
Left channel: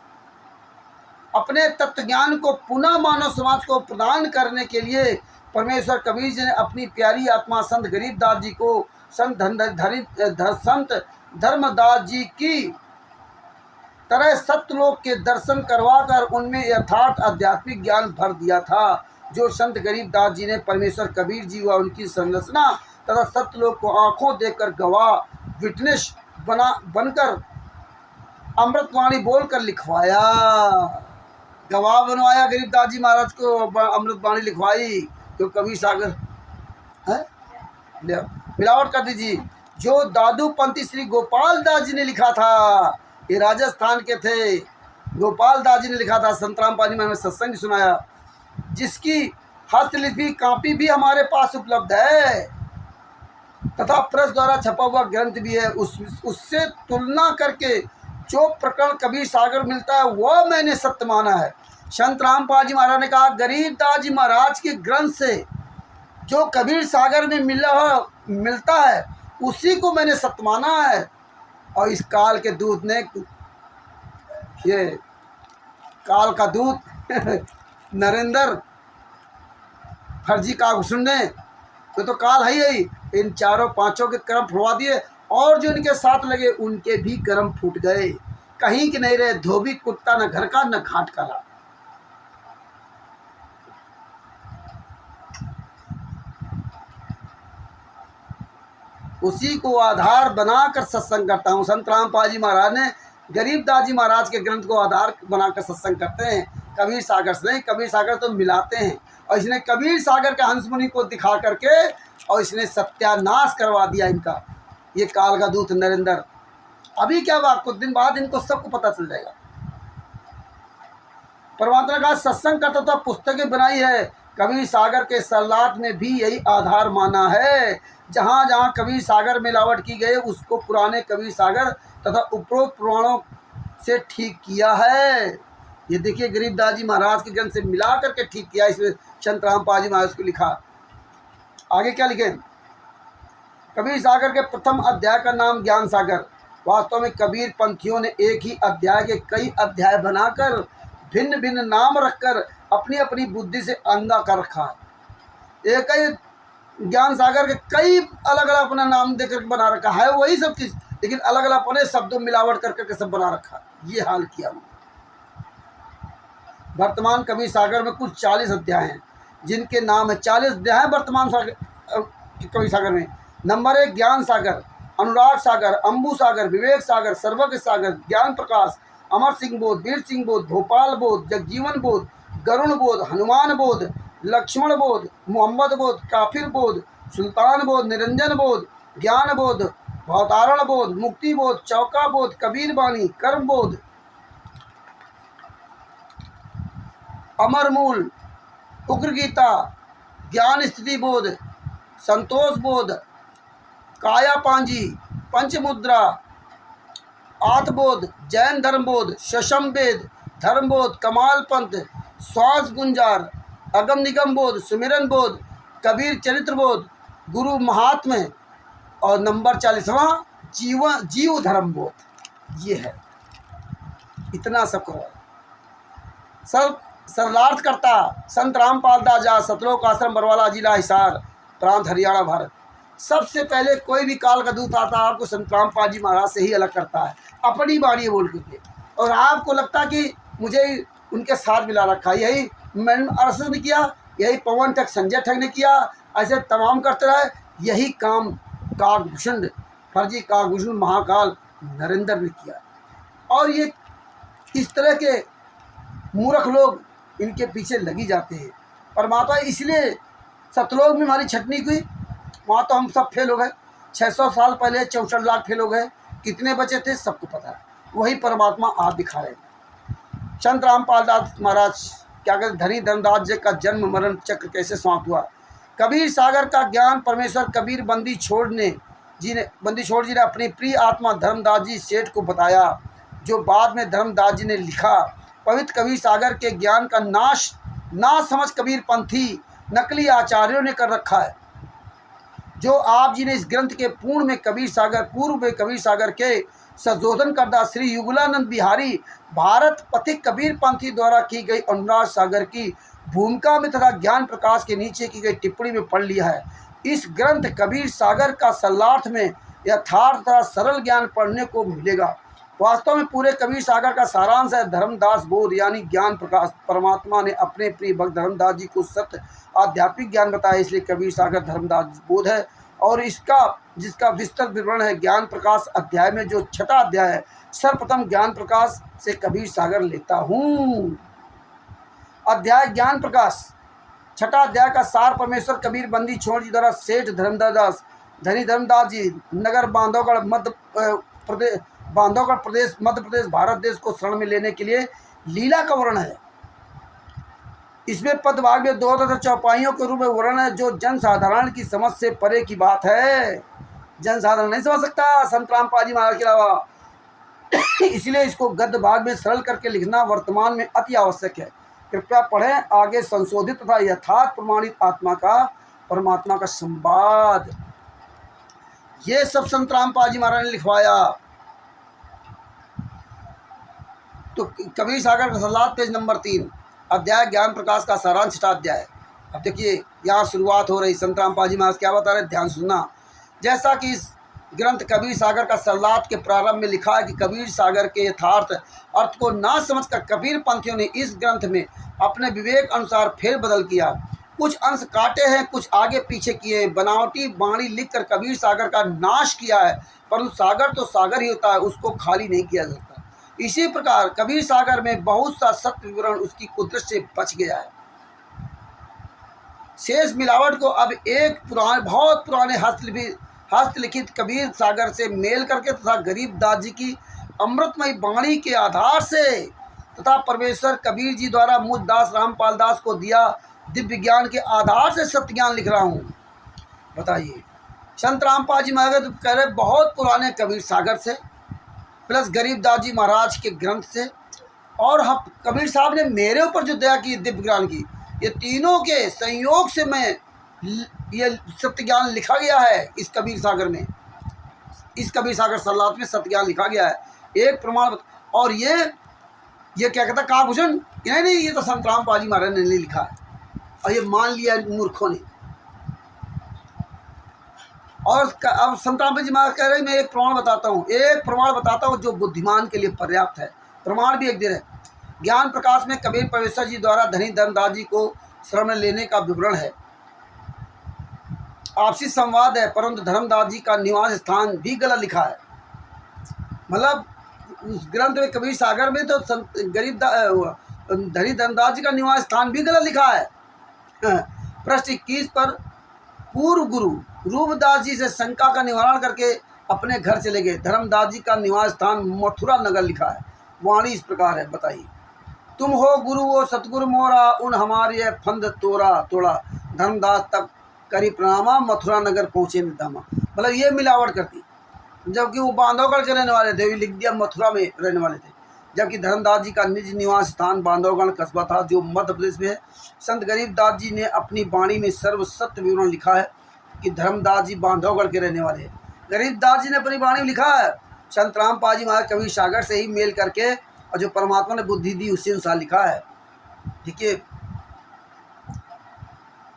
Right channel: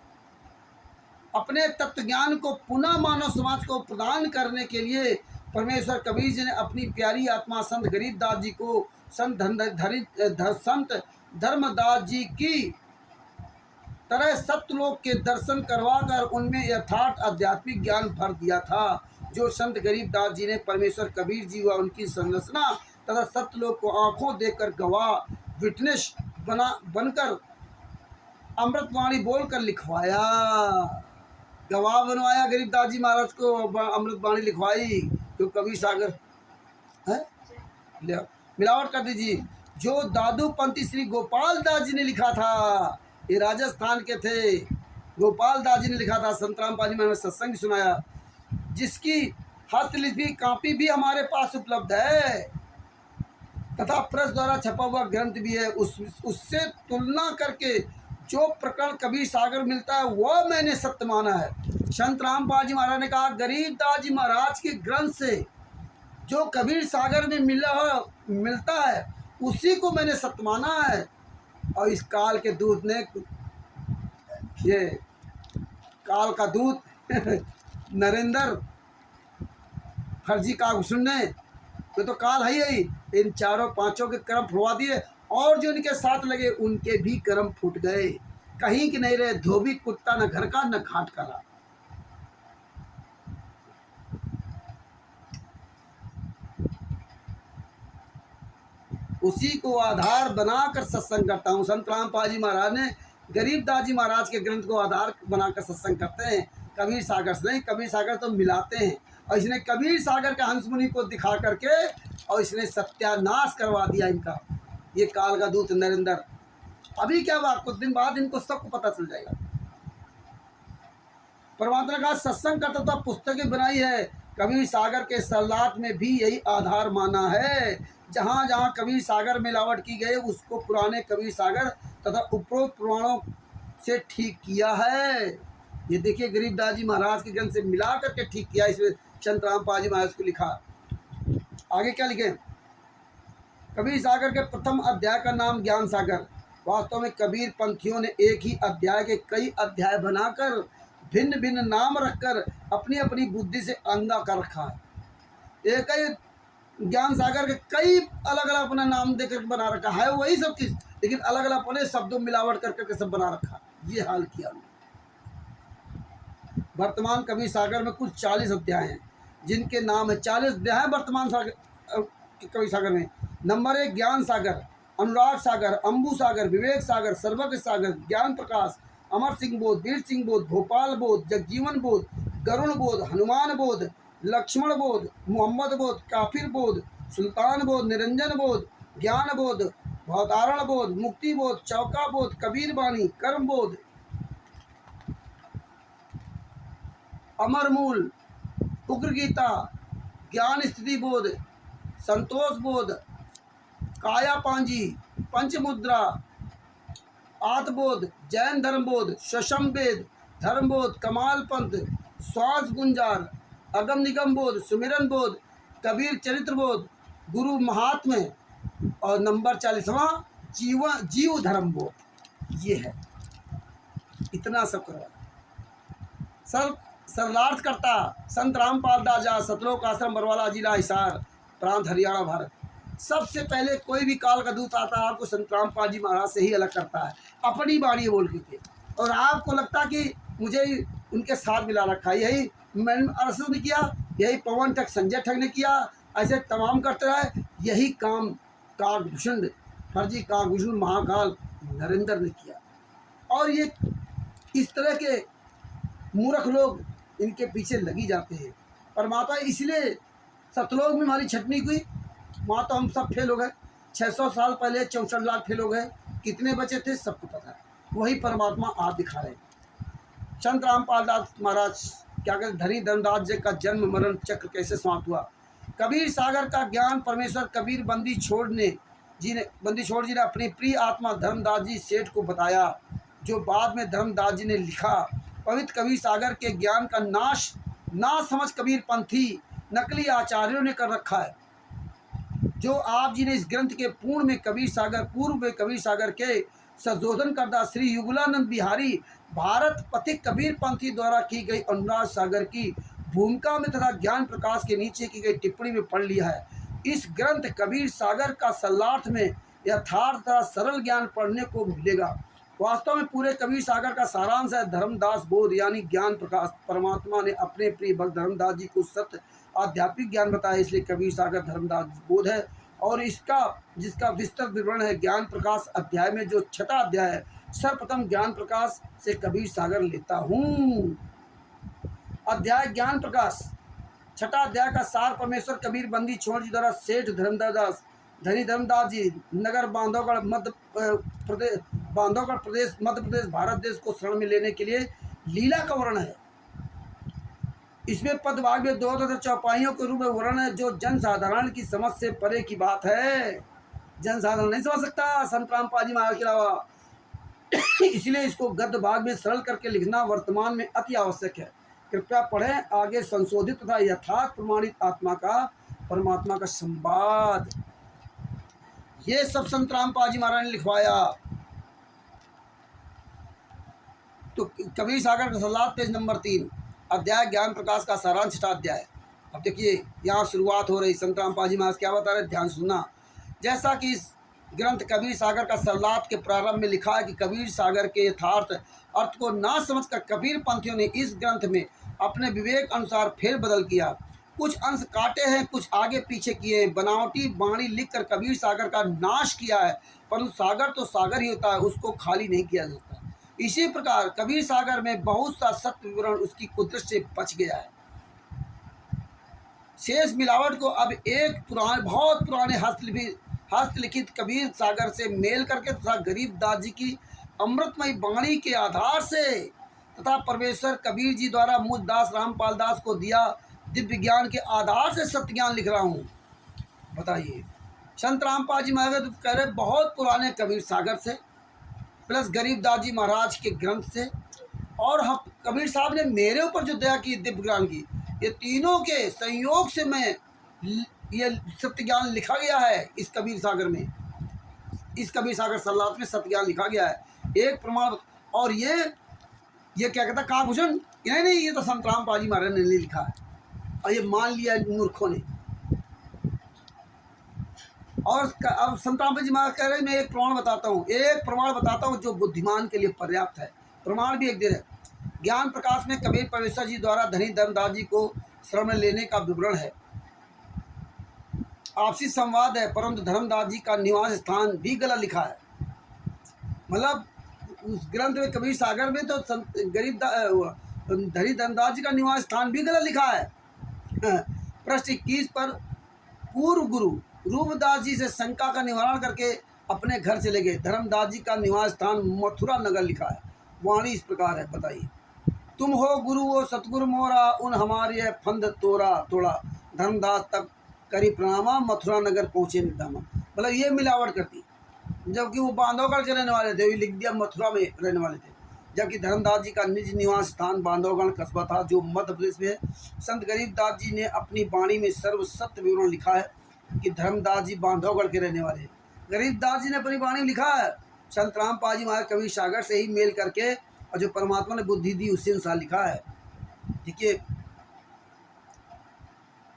अपने तत्व ज्ञान को पुनः मानव समाज को प्रदान करने के लिए परमेश्वर कबीर जी ने अपनी प्यारी आत्मा संत गरीबदास जी को संत धर्मदास जी की तरह सत्यलोक के दर्शन करवाकर उनमें यथार्थ आध्यात्मिक ज्ञान भर दिया था, जो संत गरीबदास जी ने परमेश्वर कबीर जी व उनकी संरचना तथा सत्यलोक को आंखों देखकर गवाह विटनेस बनकर अमृतवाणी बोलकर लिखवाया। गवाह बनवाया गरीबदास जी महाराज को, अमृतवाणी लिखवाई। क्यों कबीर सागर है, मिलावट कर दीजिए। जो दादू पंथी श्री गोपाल दास जी ने लिखा था, ये राजस्थान के थे, गोपाल दास जी ने लिखा था। संतराम पाजी में हमें सत्संग सुनाया, जिसकी हस्तलिपि कापी भी हमारे पास उपलब्ध है तथा प्रेस द्वारा छपा हुआ ग्रंथ भी है। उससे तुलना करके जो प्रकरण कबीर सागर मिलता है वह मैंने सत्य माना है। संत रामपाल जी महाराज ने कहा, गरीबदास जी महाराज के ग्रंथ से जो कबीर सागर में मिलता है उसी को मैंने सत्य माना है। और इस काल के दूत ने, ये काल का दूत नरेंद्र फर्जी कागभूषण ने, तो काल है ही, इन चारों पांचों के कर्म फुड़वा दिए और जो इनके साथ लगे उनके भी कर्म फूट गए। कहीं के नहीं रहे, धोबी कुत्ता न घर का न घाट का रहा। उसी को आधार बनाकर सत्संग करता हूँ। संत रामपाल जी महाराज ने गरीबदास जी महाराज के ग्रंथ को आधार बनाकर सत्संग करते हैं, कबीर सागर से नहीं। कबीर सागर तो मिलाते हैं, और इसने कबीर सागर का हंस मुनि को दिखा करके और इसने सत्यानाश करवा दिया इनका, ये काल का दूत नरेंद्र। अभी क्या हुआ, कुछ दिन बाद इनको सबको पता चल जाएगा। परमात्मा का सत्संग करता था, पुस्तकें बनाई है। कबीर सागर के सलात में भी यही आधार माना है। जहाँ जहाँ कबीर सागर मिलावट की गई उसको पुराने कबीर सागर तथा उपरोक्त पुराणों से ठीक किया है। ये देखिए गरीबदास जी महाराज के ग्रंथ से मिला करके ठीक किया। इसमें संत रामपाल जी महाराज को लिखा। आगे क्या लिखे, कबीर सागर के प्रथम अध्याय का नाम ज्ञान सागर। वास्तव में कबीर पंथियों ने एक ही अध्याय के कई अध्याय बनाकर भिन्न भिन्न नाम रखकर अपनी अपनी बुद्धि से अंधा कर रखा है। एक ही ज्ञान सागर के कई अलग अलग अपना नाम देकर बना रखा है, वही सब चीज़, लेकिन अलग अलग अपने शब्दों मिलावट करके सब बना रखा है। ये हाल किया। वर्तमान कबीर सागर में कुल 40 अध्याय हैं, जिनके नाम है 40 अध्याय हैं वर्तमान कबीर सागर में। नंबर 1 ज्ञान सागर, अनुराग सागर, अम्बू सागर, विवेक सागर, सर्वज्ञ सागर, ज्ञान प्रकाश, अमर सिंह बोध, वीर सिंह बोध, भोपाल बोध, जगजीवन बोध, गरुण बोध, हनुमान बोध, लक्ष्मण बोध, मोहम्मद बोध, काफिर बोध, सुल्तान बोध, निरंजन बोध, ज्ञान बोध, भवतारण बोध, मुक्ति बोध, चौका बोध, कबीर बानी, कर्म बोध, अमर मूल, उग्र गीता, ज्ञान स्थिति बोध, संतोष बोध, काया पांजी, पंचमुद्रा, आत्मबोध, जैन धर्म बोध, शशम वेद, धर्म बोध, कमाल पंथ, श्वास गुंजार, अगम निगम बोध, सुमिरन बोध, कबीर चरित्र बोध, गुरु महात्म्य, और नंबर 40वां जीव धर्म बोध। ये है, इतना सब करो। सरलार्थ करता संत रामपाल दास, सतलोक आश्रम बरवाला, जिला हिसार, प्रांत हरियाणा, भारत। सबसे पहले कोई भी काल का दूत आता है आपको संत रामपाल जी महाराज से ही अलग करता है, अपनी बाणी बोल के। और आपको लगता कि मुझे उनके साथ मिला रखा। यही मैंने अरसद ने किया, यही पवन ठग संजय ठग ने किया, ऐसे तमाम करते रहे। यही काम काकभूषण, फर्जी काकभूषण महाकाल नरेंद्र ने किया। और ये इस तरह के मूर्ख लोग इनके पीछे लगी जाते हैं। परमात्मा इसलिए सतलोक में हमारी छटनी हुई, वहाँ तो हम सब फेल हो गए। 600 साल पहले 64 लाख फेल हो गए, कितने बचे थे सबको पता है। वही परमात्मा आज दिखा रहे हैं। संत रामपाल दास महाराज क्या कहते, धनी धर्मदास जी का जन्म मरण चक्र कैसे समाप्त हुआ। कबीर सागर का ज्ञान परमेश्वर कबीर बंदी छोड़ जी ने अपनी प्रिय आत्मा धर्मदास जी सेठ को बताया, जो बाद में धर्मदास जी ने लिखा। पवित्र कबीर सागर के ज्ञान का नाश ना समझ कबीर पंथी नकली आचार्यों ने कर रखा है। जो आप जी ने इस ग्रंथ के पूर्व में कबीर सागर के संशोधन करदा श्री युगलानंद बिहारी भारत पथिक कबीर पंथी द्वारा की गई अनुराग सागर की भूमिका में तथा ज्ञान प्रकाश के नीचे की गई टिप्पणी में पढ़ लिया है। इस ग्रंथ कबीर सागर का सरलार्थ में यथार्थ तथा सरल ज्ञान पढ़ने को मिलेगा। वास्तव में पूरे कबीर सागर का सारांश है धर्मदास बोध यानी ज्ञान प्रकाश। परमात्मा ने अपने प्रिय भक्त धर्मदास जी को सत्य आध्यात्मिक ज्ञान बताया, इसलिए कबीर सागर धर्मदास बोध है। और जिसका विस्तृत विवरण है ज्ञान प्रकाश अध्याय में, जो 6वां अध्याय है। सर्वप्रथम ज्ञान प्रकाश से कबीर सागर लेता हूँ। अध्याय ज्ञान प्रकाश 6वां अध्याय का सार परमेश्वर कबीर बंदी छोड़ जी द्वारा सेठ धनी धर्मदास जी नगर बांधवगढ़ प्रदेश मध्य प्रदेश भारत देश को शरण में लेने के लिए लीला का वर्णन है। इसमें पदभाग में 2 तथा चौपाइयों के रूप में वर्णन है, जो जनसाधारण की समझ से परे की बात है। जनसाधारण नहीं समझ सकता संत रामपाल जी महाराज के अलावा, इसलिए इसको गद्य भाग में सरल करके लिखना वर्तमान में अति आवश्यक है। कृपया पढ़ें आगे संशोधित तथा यथार्थ प्रमाणित परमात्मा का संवाद। ये सब संत रामपाल जी महाराज ने लिखवाया। तो कबीर सागर का सलाद पेज नंबर 3 अध्याय ज्ञान प्रकाश का सारांश 6वां अध्याय। अब देखिए यहाँ शुरुआत हो रही। संत रामपाल जी महाराज क्या बता रहे, ध्यान सुनना। जैसा कि इस ग्रंथ कबीर सागर का सरलाद के प्रारंभ में लिखा है कि कबीर सागर के यथार्थ अर्थ को ना समझकर कबीर पंथियों ने इस ग्रंथ में अपने विवेक अनुसार फेरबदल किया। कुछ अंश काटे हैं, कुछ आगे पीछे किए हैं। बनावटी बाणी लिखकर कबीर सागर का नाश किया है, परंतु सागर तो सागर ही होता है, उसको खाली नहीं किया जाता। इसी प्रकार कबीर सागर में बहुत सा सत्य विवरण उसकी कुदरत से बच गया है। शेष मिलावट को अब एक बहुत पुराने हस्तलिखित कबीर सागर से मेल करके तथा गरीबदास जी की अमृतमयी वाणी के आधार से तथा परमेश्वर कबीर जी द्वारा मुझ दास रामपाल दास को दिया दिव्य ज्ञान के आधार से सत्य ज्ञान लिख रहा हूँ। बताइए, संत रामपाल जी महाराज कह रहे बहुत पुराने कबीर सागर से प्लस गरीबदास जी महाराज के ग्रंथ से, और हम कबीर साहब ने मेरे ऊपर जो दया की दिव्य ज्ञान की, ये तीनों के संयोग से मैं ये सत्य ज्ञान लिखा गया है। इस कबीर सागर में, इस कबीर सागर सरलाद में सत्य ज्ञान लिखा गया है। एक प्रमाण। और ये क्या कहता काभूषण, नहीं ये तो संत रामपाल जी महाराज ने नहीं लिखा है, और ये मान लिया मूर्खों ने। और अब संत रामपाल जी महाराज कह रहे हैं मैं एक प्रमाण बताता हूँ जो बुद्धिमान के लिए पर्याप्त है। प्रमाण भी एक दिन है। ज्ञान प्रकाश में कबीर परमेश्वर जी द्वारा धनी धर्मदास जी को शरण में लेने का विवरण है। आपसी संवाद है, परंतु धर्मदास जी का निवास स्थान भी गलत लिखा है। मतलब उस ग्रंथ में कबीर सागर में तो धनी धर्मदास जी का निवास स्थान भी गलत लिखा है। पृष्ठ 21 पर पूर्व गुरु रूपदास जी से शंका का निवारण करके अपने घर चले गए। धर्मदास जी का निवास स्थान मथुरा नगर लिखा है। वाणी इस प्रकार है, बताइए। तुम हो गुरु वो सतगुरु मोरा, उन हमारी फंद तोड़ा धर्मदास तक करी प्रणामा, मथुरा नगर पहुँचे निधामा। मतलब ये मिलावट करती, जबकि वो बांधवगढ़ के रहने वाले थे, लिख दिया मथुरा में रहने वाले थे, जबकि धर्मदास जी का निज निवास स्थान बांधवगढ़ कस्बा था जो मध्य प्रदेश में है। संत गरीबदास जी ने अपनी वाणी में सर्व सत्य विवरण लिखा है कि धर्मदास जी बांधवगढ़ के रहने वाले हैं। गरीबदास जी ने अपनी वाणी में लिखा है। संत रामपाल जी महाराज कबीर सागर से ही मेल करके और जो परमात्मा ने बुद्धि दी उसी अनुसार लिखा है। देखिए,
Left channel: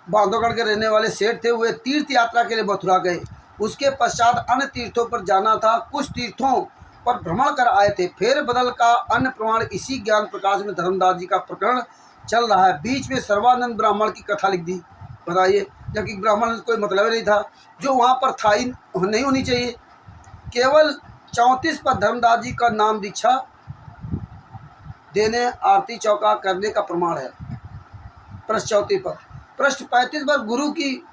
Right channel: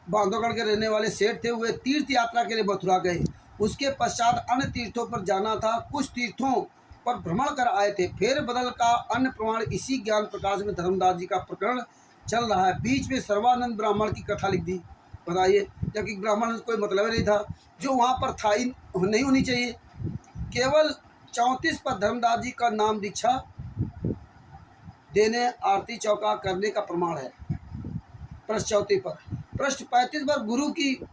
बांधवगढ़ के रहने वाले सेठ थे, वे तीर्थ यात्रा के लिए मथुरा गए। उसके पश्चात अन्य तीर्थों पर जाना था। कुछ तीर्थों पर भ्रमण कर आए थे। फेर बदल का अन्य प्रमाण इसी ज्ञान प्रकाश में धर्मदास जी का प्रकरण चल रहा है। बीच में सर्वानंद ब्राह्मण की कथा लिख दी। बताइए, जबकि ब्राह्मण कोई मतलब नहीं था, जो वहाँ पर था ही नहीं होनी चाहिए। केवल 34 पर धर्मदास जी का नाम दीक्षा देने आरती चौका करने का प्रमाण है। पृष्ठ 34 पर। पृष्ठ 35 पर गुरु की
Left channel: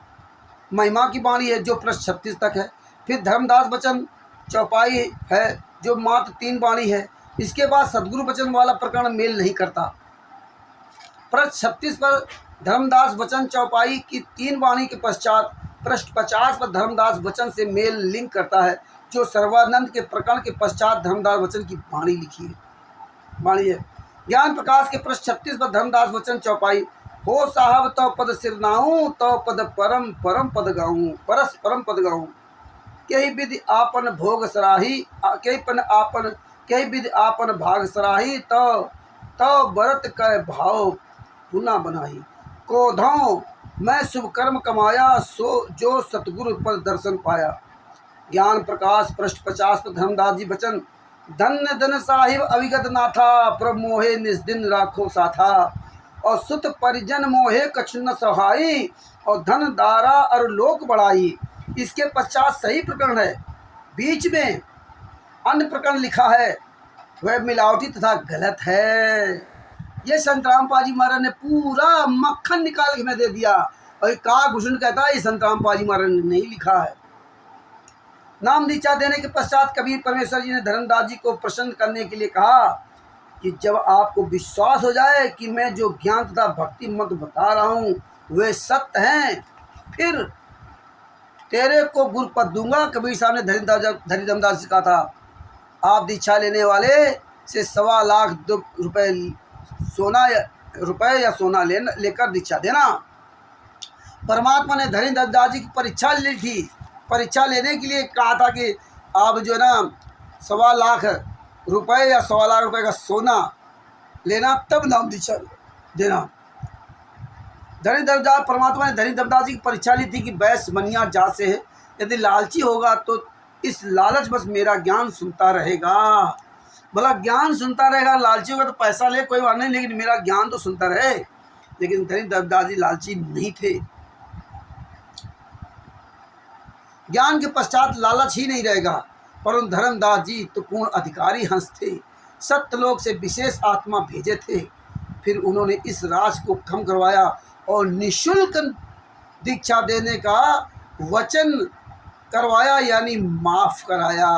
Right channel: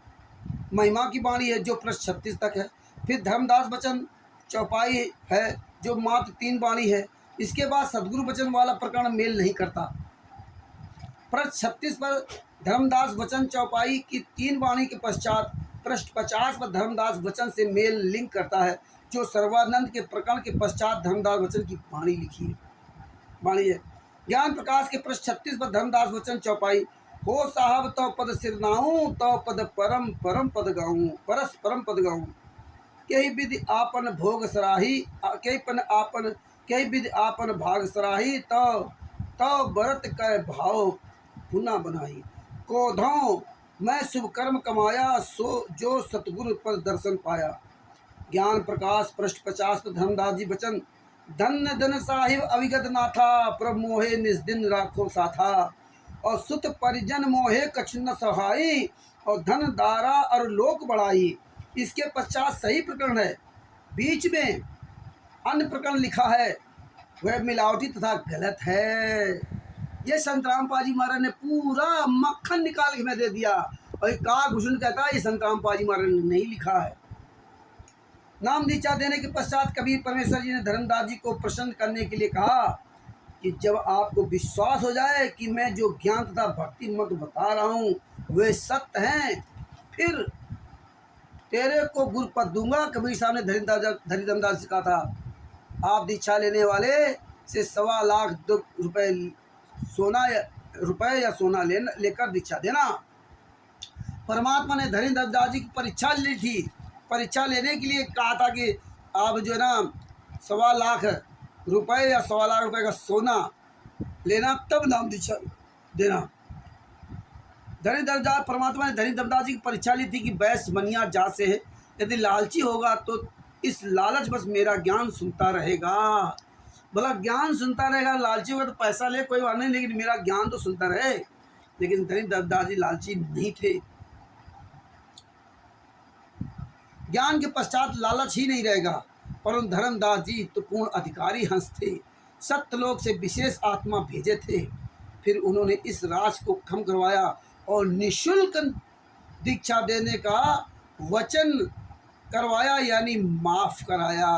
महिमा की वाणी है जो पृष्ठ 36 तक है। फिर धर्मदास वचन चौपाई है जो मात्र 3 वाणी है। इसके बाद सदगुरु वचन वाला प्रकरण मेल नहीं करता। पृष्ठ 36 पर धर्मदास वचन चौपाई की 3 वाणी के पश्चात पृष्ठ 50 पर धर्मदास वचन से मेल लिंक करता है, जो सर्वानंद के प्रकरण के पश्चात धर्मदास वचन की वाणी लिखी है, वाणी है। ज्ञान प्रकाश के पृष्ठ 36 पर धर्मदास वचन चौपाई, हो साहब तो पद सिरनाऊं, तो पद परम परम पद गाऊं, परस परम पद गाऊं। कई विधि आपन भोग सराही, कई विधि आपन भाग सराही, तो व्रत कै भाव पुना बनाही। कोधों मैं शुभ कर्म कमाया, सो जो सतगुरु पर दर्शन पाया। ज्ञान प्रकाश पृष्ठ 50 पर धर्मदास जी वचन, धन्य धन साहिब अविगत नाथा, प्रभ मोहे निस्दिन राखो साथा। और सुत परिजन मोहे कछु न सहाई, और धन दारा और लोक बढ़ाई। इसके पश्चात सही प्रकरण है, बीच में अन्य प्रकरण लिखा है, वह मिलावटी तथा गलत है। ये संत रामपाल जी महाराज ने पूरा मक्खन निकाल के मैं दे दिया, और काकभूषण कहता है ये संत रामपाल जी महाराज ने नहीं लिखा है। नाम दीक्षा देने के पश्चात कबीर परमेश्वर जी ने धर्मदास जी को प्रसन्न करने के लिए कहा कि जब आपको विश्वास हो जाए कि मैं जो ज्ञान तथा भक्ति मत बता रहा हूँ वे सत्य हैं, फिर तेरे को गुरु पद दूंगा। कबीर साहब ने धर्मदास जी कहा था, आप दीक्षा लेने वाले से 1.25 लाख रुपए या सोना लेकर दीक्षा देना। परमात्मा ने धर्मदास जी की परीक्षा ली थी। परीक्षा लेने के लिए कहा था कि आप जो ना 1.25 लाख रुपए या 1.25 लाख रुपए का सोना लेना, तब नाम दीक्षा देना। परमात्मा ने धर्मदास जी की परीक्षा ली थी कि बैस मनिया जा से है, यदि लालची होगा तो इस लालच बस मेरा ज्ञान सुनता रहेगा। भला ज्ञान सुनता रहेगा, लालची होगा तो पैसा ले कोई बात नहीं, लेकिन मेरा ज्ञान तो सुनता रहे। लेकिन धर्मदास जी लालची नहीं थे। ज्ञान के पश्चात लालच ही नहीं रहेगा, परंतु धर्मदास जी तो पूर्ण अधिकारी हंस थे, सत्यलोक से विशेष आत्मा भेजे थे। फिर उन्होंने इस राज को खत्म करवाया और निःशुल्क दीक्षा देने का वचन करवाया, यानी माफ कराया।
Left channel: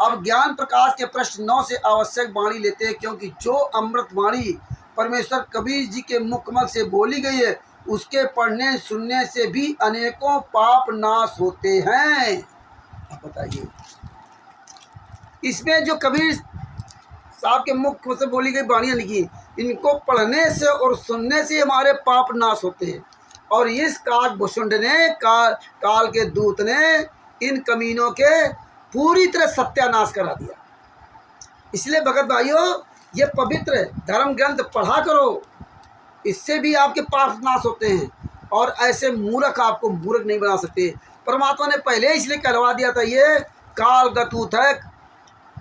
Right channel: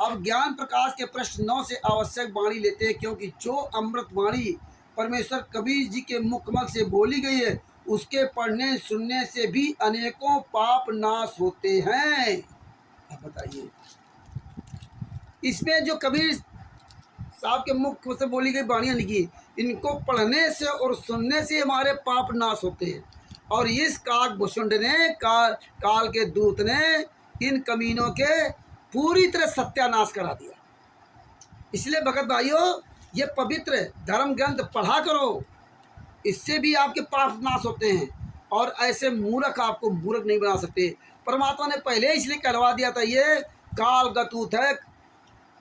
अब ज्ञान प्रकाश के प्रश्न 9 से आवश्यक वाणी लेते हैं, क्योंकि जो अमृत वाणी परमेश्वर कबीर जी के मुखमल से बोली गई है, उसके पढ़ने सुनने से भी अनेकों पाप नाश होते हैं। अब बताइए, इसमें जो कबीर साहब के मुख से बोली गई वाणियाँ लिखी, इनको पढ़ने से और सुनने से हमारे पाप नाश होते हैं। और इस काकभूषुंड ने काल के दूत ने इन कमीनों के पूरी तरह सत्यानाश करा दिया। इसलिए भगत भाइयों, ये पवित्र धर्म ग्रंथ पढ़ा करो, इससे भी आपके पाप नाश होते हैं। और ऐसे मूर्ख आपको मूर्ख नहीं बना सकते। परमात्मा ने पहले इसलिए कहलवा दिया था, ये काल का दूत है,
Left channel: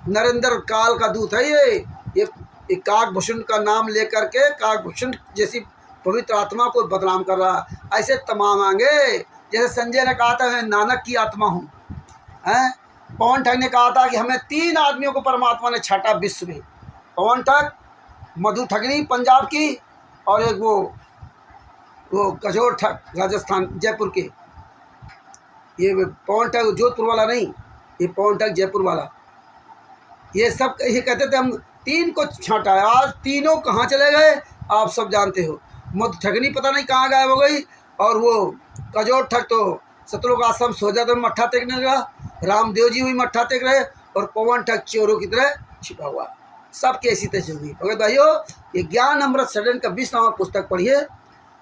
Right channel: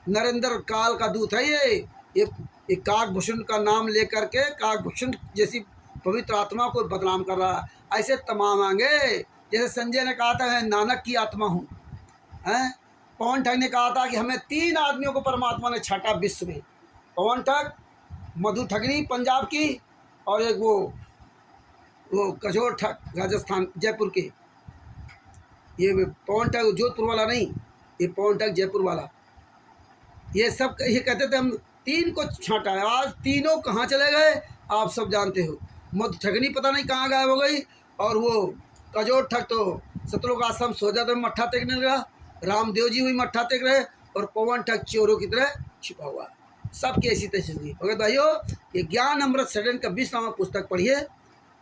नरेंद्र काल का दूत है। ये काकभूषुंड का नाम लेकर के काकभूषुंड जैसी पवित्र आत्मा को बदनाम कर रहा। ऐसे तमाम आएंगे, जैसे संजय ने कहा था मैं नानक की आत्मा हूँ, हैं। पवन ठग ने कहा था कि हमें 3 आदमियों को परमात्मा ने छाटा विश्व में, पवन ठग, मधु ठगनी पंजाब की, और एक वो कजोर ठग राजस्थान जयपुर के। ये पवन ठग जोधपुर वाला नहीं, ये पवन ठग जयपुर वाला। ये सब ये कहते थे हम 3 को छांटा है। आज तीनों कहाँ चले गए आप सब जानते हो। मधु ठगनी पता नहीं कहाँ गायब हो गई, और वो कजोर ठग तो सतलोक आश्रम सोजा तो मट्ठा टेकने लगा, रामदेव जी भी मट्ठा टेक रहे, और पवन ठग चोरों की तरह छिपा हुआ। सब कैसी तैसी होगी। भगत भाइयों, ये ज्ञान अमृत सदन का 20वां पुस्तक पढ़िए,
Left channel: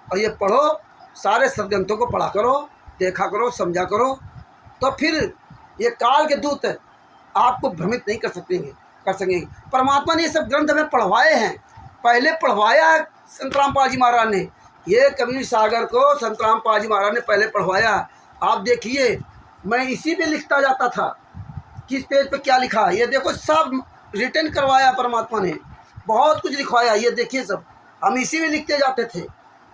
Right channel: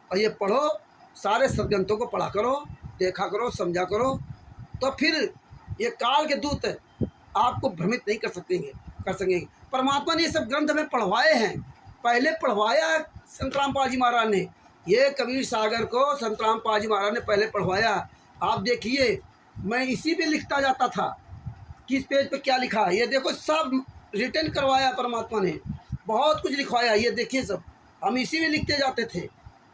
और ये पढ़ो, सारे सदग्रंथों को पढ़ा करो, देखा करो, समझा करो, तो फिर ये काल के दूत आपको भ्रमित नहीं कर सकेंगे। परमात्मा ने ये सब ग्रंथ हमें पढ़वाए हैं, पहले पढ़वाया संत रामपाल जी महाराज ने। ये कबीर सागर को संत रामपाल जी महाराज ने पहले पढ़वाया। आप देखिए, मैं इसी पे लिखता जाता था, किस पेज पे क्या लिखा है, ये देखो, सब रिटर्न करवाया परमात्मा ने, बहुत कुछ लिखवाया। ये देखिए, सब हम इसी में लिखते जाते थे।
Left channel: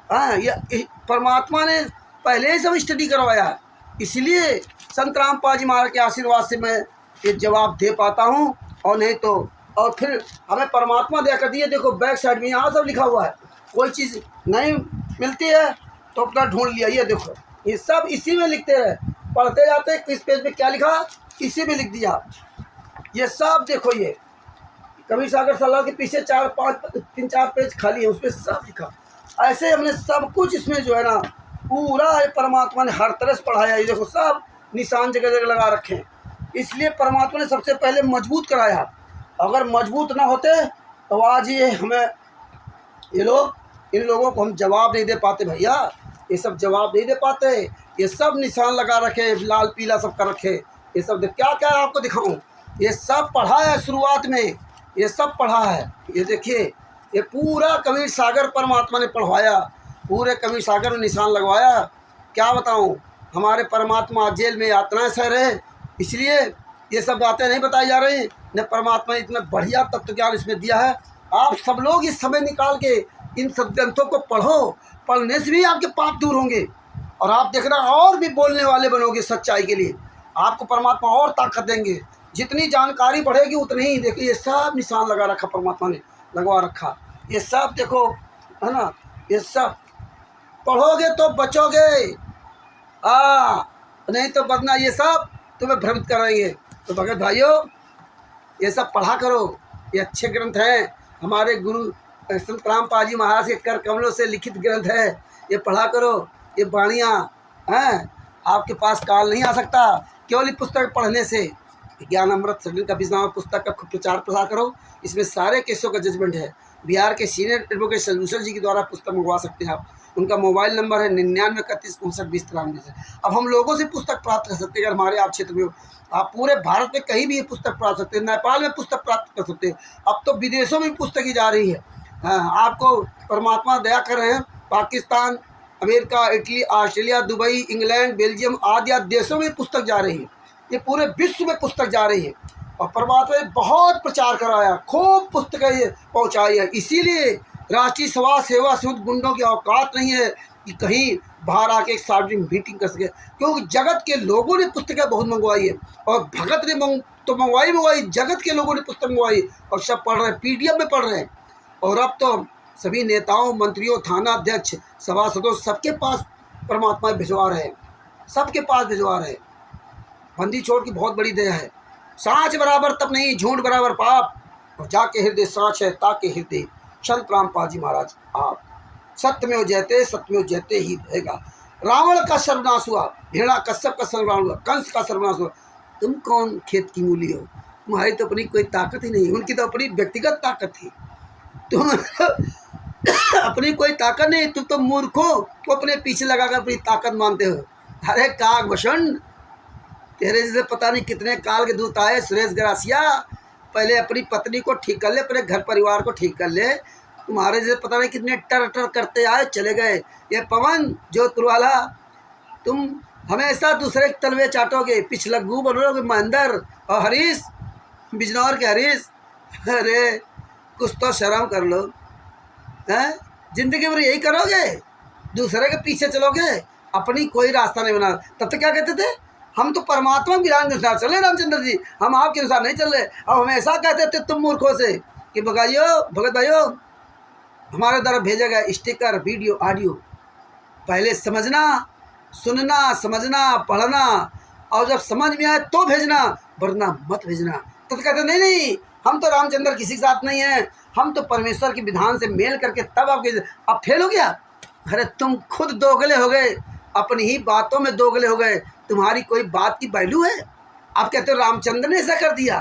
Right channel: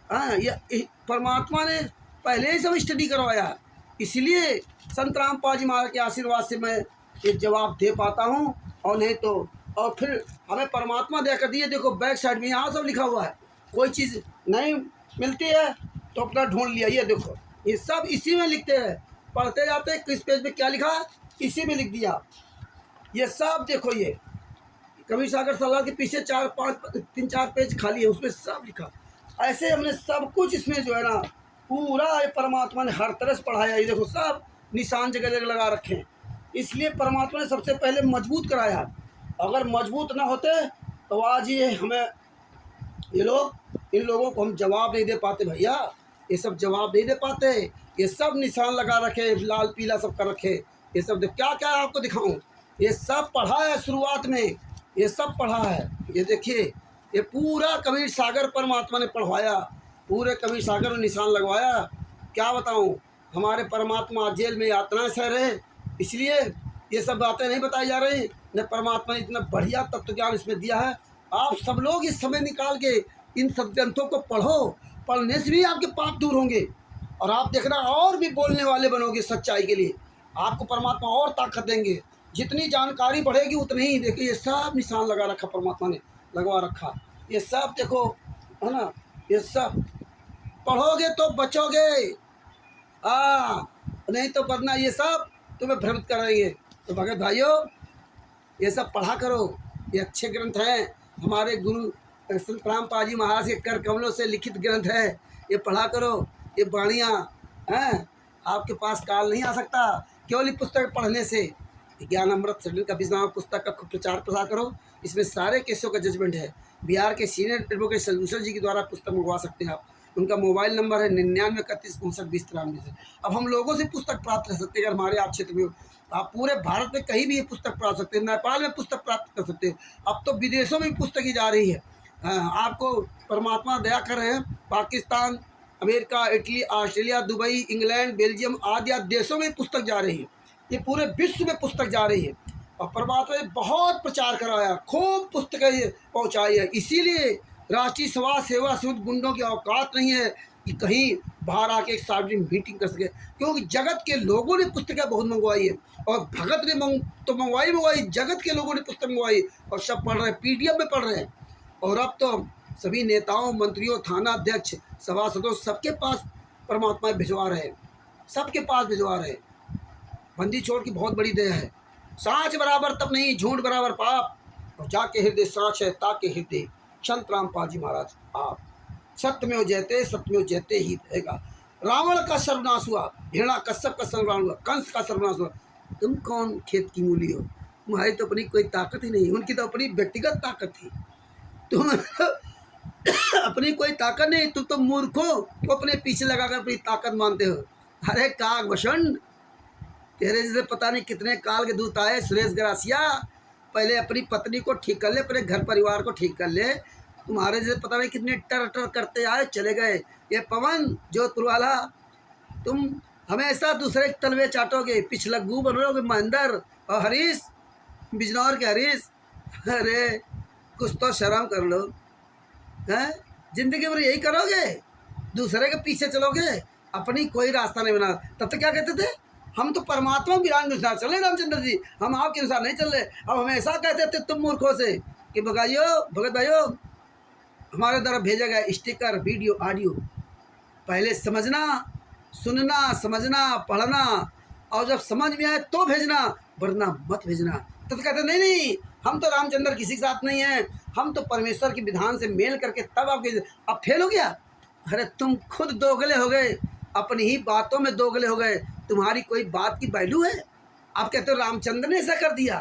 हाँ, ये परमात्मा ने पहले ही सब स्टडी करवाया। इसलिए संत रामपाल जी महाराज के आशीर्वाद से मैं ये जवाब दे पाता हूँ, और नहीं तो। और फिर हमें परमात्मा दया कर दिए। देखो बैक साइड में यहाँ सब लिखा हुआ है, कोई चीज़ नहीं मिलती है तो अपना ढूंढ लिया। ये देखो, ये सब इसी में लिखते रहे, पढ़ते जाते, किस पेज में क्या लिखा इसी में लिख दिया। ये सब देखो, ये कबीर सागर सलाह के पीछे 3-4 पेज खाली है, उसमें सब लिखा। ऐसे हमने सब कुछ इसमें जो है ना पूरा परमात्मा ने हर तरह से पढ़ाया। ये देखो सब निशान जगह जगह लगा रखे हैं। इसलिए परमात्मा ने सबसे पहले मजबूत कराया। अगर मजबूत ना होते तो आज ये हमें ये लोग इन लोगों को हम जवाब नहीं दे पाते भैया। ये सब जवाब नहीं दे पाते। ये सब निशान लगा रखे, लाल पीला सब कर रखे। ये सब क्या क्या आपको दिखाऊं? ये सब पढ़ा है शुरुआत में, ये सब पढ़ा है। ये देखिए ये पूरा कबीर सागर परमात्मा ने पढ़वाया, पूरे कबीर सागर में निशान लगवाया। क्या बताऊं, हमारे परमात्मा जेल में यातनाएं सह रहे, इसलिए ये सब बातें नहीं बताई जा रही। न परमात्मा ने इतना बढ़िया तत्व ज्ञान इसमें दिया है। आप सब लोग इस समय निकाल के इन सब ग्रंथों को पढ़ो। पढ़ने से भी आपके पाप दूर होंगे और आप देखना और भी बोलने वाले बनोगे सच्चाई के लिए। आपको परमात्मा और ताकत देंगे। जितनी जानकारी बढ़ेगी उतनी ही। देखिए ये सब निशान लगा रखा, परमात्मा ने लगवा रखा। ये सब देखो है ना, ये सब पढ़ोगे तो बचोगे, नहीं तो बदना ये सब तुम्हें भ्रमित कराएंगे। तो भगत भाइयों ये सब पढ़ा करो। ये अच्छे ग्रंथ हैं, हमारे गुरु संत रामपाल जी महाराज के कर कमलों से लिखित ग्रंथ है। ये पढ़ा करो। ये वाणियाँ हैं, आपके पास काल नहीं आ सकता केवल ये पुस्तक पढ़ने से। ज्ञान अमृत सडन का नाम पुस्तक का खूब प्रचार प्रसार करो। इसमें सारे केसों का जजमेंट है। बिहार के सीनियर एडवोकेट सलूशन जी के द्वारा पुस्तक मंगवा सकते हैं आप। उनका मोबाइल नंबर है 9931592093 से। अब हम लोगों से पुस्तक प्राप्त कर सकते हैं। अगर हमारे आप क्षेत्र में हो, आप पूरे भारत में कहीं भी ये पुस्तक प्राप्त सकते हैं। नेपाल में पुस्तक प्राप्त कर सकते हैं। अब तो विदेशों में पुस्तकें जा रही है। आपको परमात्मा दया कर रहे हैं। Pakistan, America, Italy, Australia, Dubai, England, Belgium आदि देशों में पुस्तक जा रही है। ये पूरे विश्व में पुस्तक जा रही है और परमात्मा ने बहुत प्रचार कराया, खूब पुस्तकें पहुंचाई है। इसीलिए राष्ट्रीय समाज सेवा समिति गुंडों की औकात नहीं है कि कहीं बाहर आके एक सार्वजनिक मीटिंग कर सके, क्योंकि जगत के लोगों ने पुस्तकें बहुत मंगवाई है। और भगत ने तो मंगवाई, जगत के लोगों ने पुस्तक मंगवाई और सब पढ़ रहे हैं, PDF में पढ़ रहे हैं। और अब तो सभी नेताओं, मंत्रियों, थाना अध्यक्ष, सभासदों सबके पास परमात्मा भिजवा रहे हैं, सबके पास भिजवा रहे हैं। बंदी छोड़ की बहुत बड़ी दया है। सांच बराबर तप नहीं, झूठ बराबर पाप, और जाके हृदय सांच है ताके हृदय। संत रामपाल जी महाराज आप सत्यमेव जयते, सत्यमेव जयते ही रहेगा। रावण का सर्वनाश हुआ, भेड़ा कश्यप का सर्वनाश हुआ, कंस का सर्वनाश हुआ। तुम कौन खेत की मूली हो? तुम्हारी तो अपनी कोई ताकत ही नहीं, उनकी तो अपनी व्यक्तिगत ताकत थी। तुम अपनी कोई ताकत नहीं, तुम तो मूर्खों को अपने पीछे लगाकर अपनी ताकत मानते हो। अरे काग भूषण, तेरे जैसे पता नहीं कितने काल के दूत आए। सुरेश गरासिया, पहले अपनी पत्नी को ठीक कर ले, अपने घर परिवार को ठीक कर ले। तुम्हारे जैसे पता नहीं कितने टर टर करते आए चले गए। ये पवन जोधपुर वाला, तुम हमेशा दूसरे तलवे चाटोगे, पिछलग्गू बनोगे महेंद्र। और हरीश, बिजनौर के हरीश, अरे कुछ तो शर्म कर लो। हैं, जिंदगी भर यही करोगे, दूसरे के पीछे चलोगे, अपनी कोई रास्ता नहीं बना। तब तो क्या कहते थे, हम तो परमात्मा विधान के अनुसार चले रामचंद्र जी, हम आपके अनुसार नहीं चल रहे। अब हमेशा कहते थे तुम मूर्खों से कि भगत भाइयों हमारे द्वारा भेजा गया स्टिकर, वीडियो, ऑडियो पहले समझना, सुनना, समझना, पढ़ना, और जब समझ में आए तो भेजना, वरना मत भेजना। तो कहते नहीं, हम तो रामचंद्र किसी के साथ नहीं हैं, हम तो परमेश्वर के विधान से मेल करके तब आपके। अब फेल हो गया। अरे तुम खुद दोगले हो गए, अपनी ही बातों में दोगले हो गए। तुम्हारी कोई बात की वैल्यू है? आप कहते हो रामचंद्र ने ऐसा कर दिया,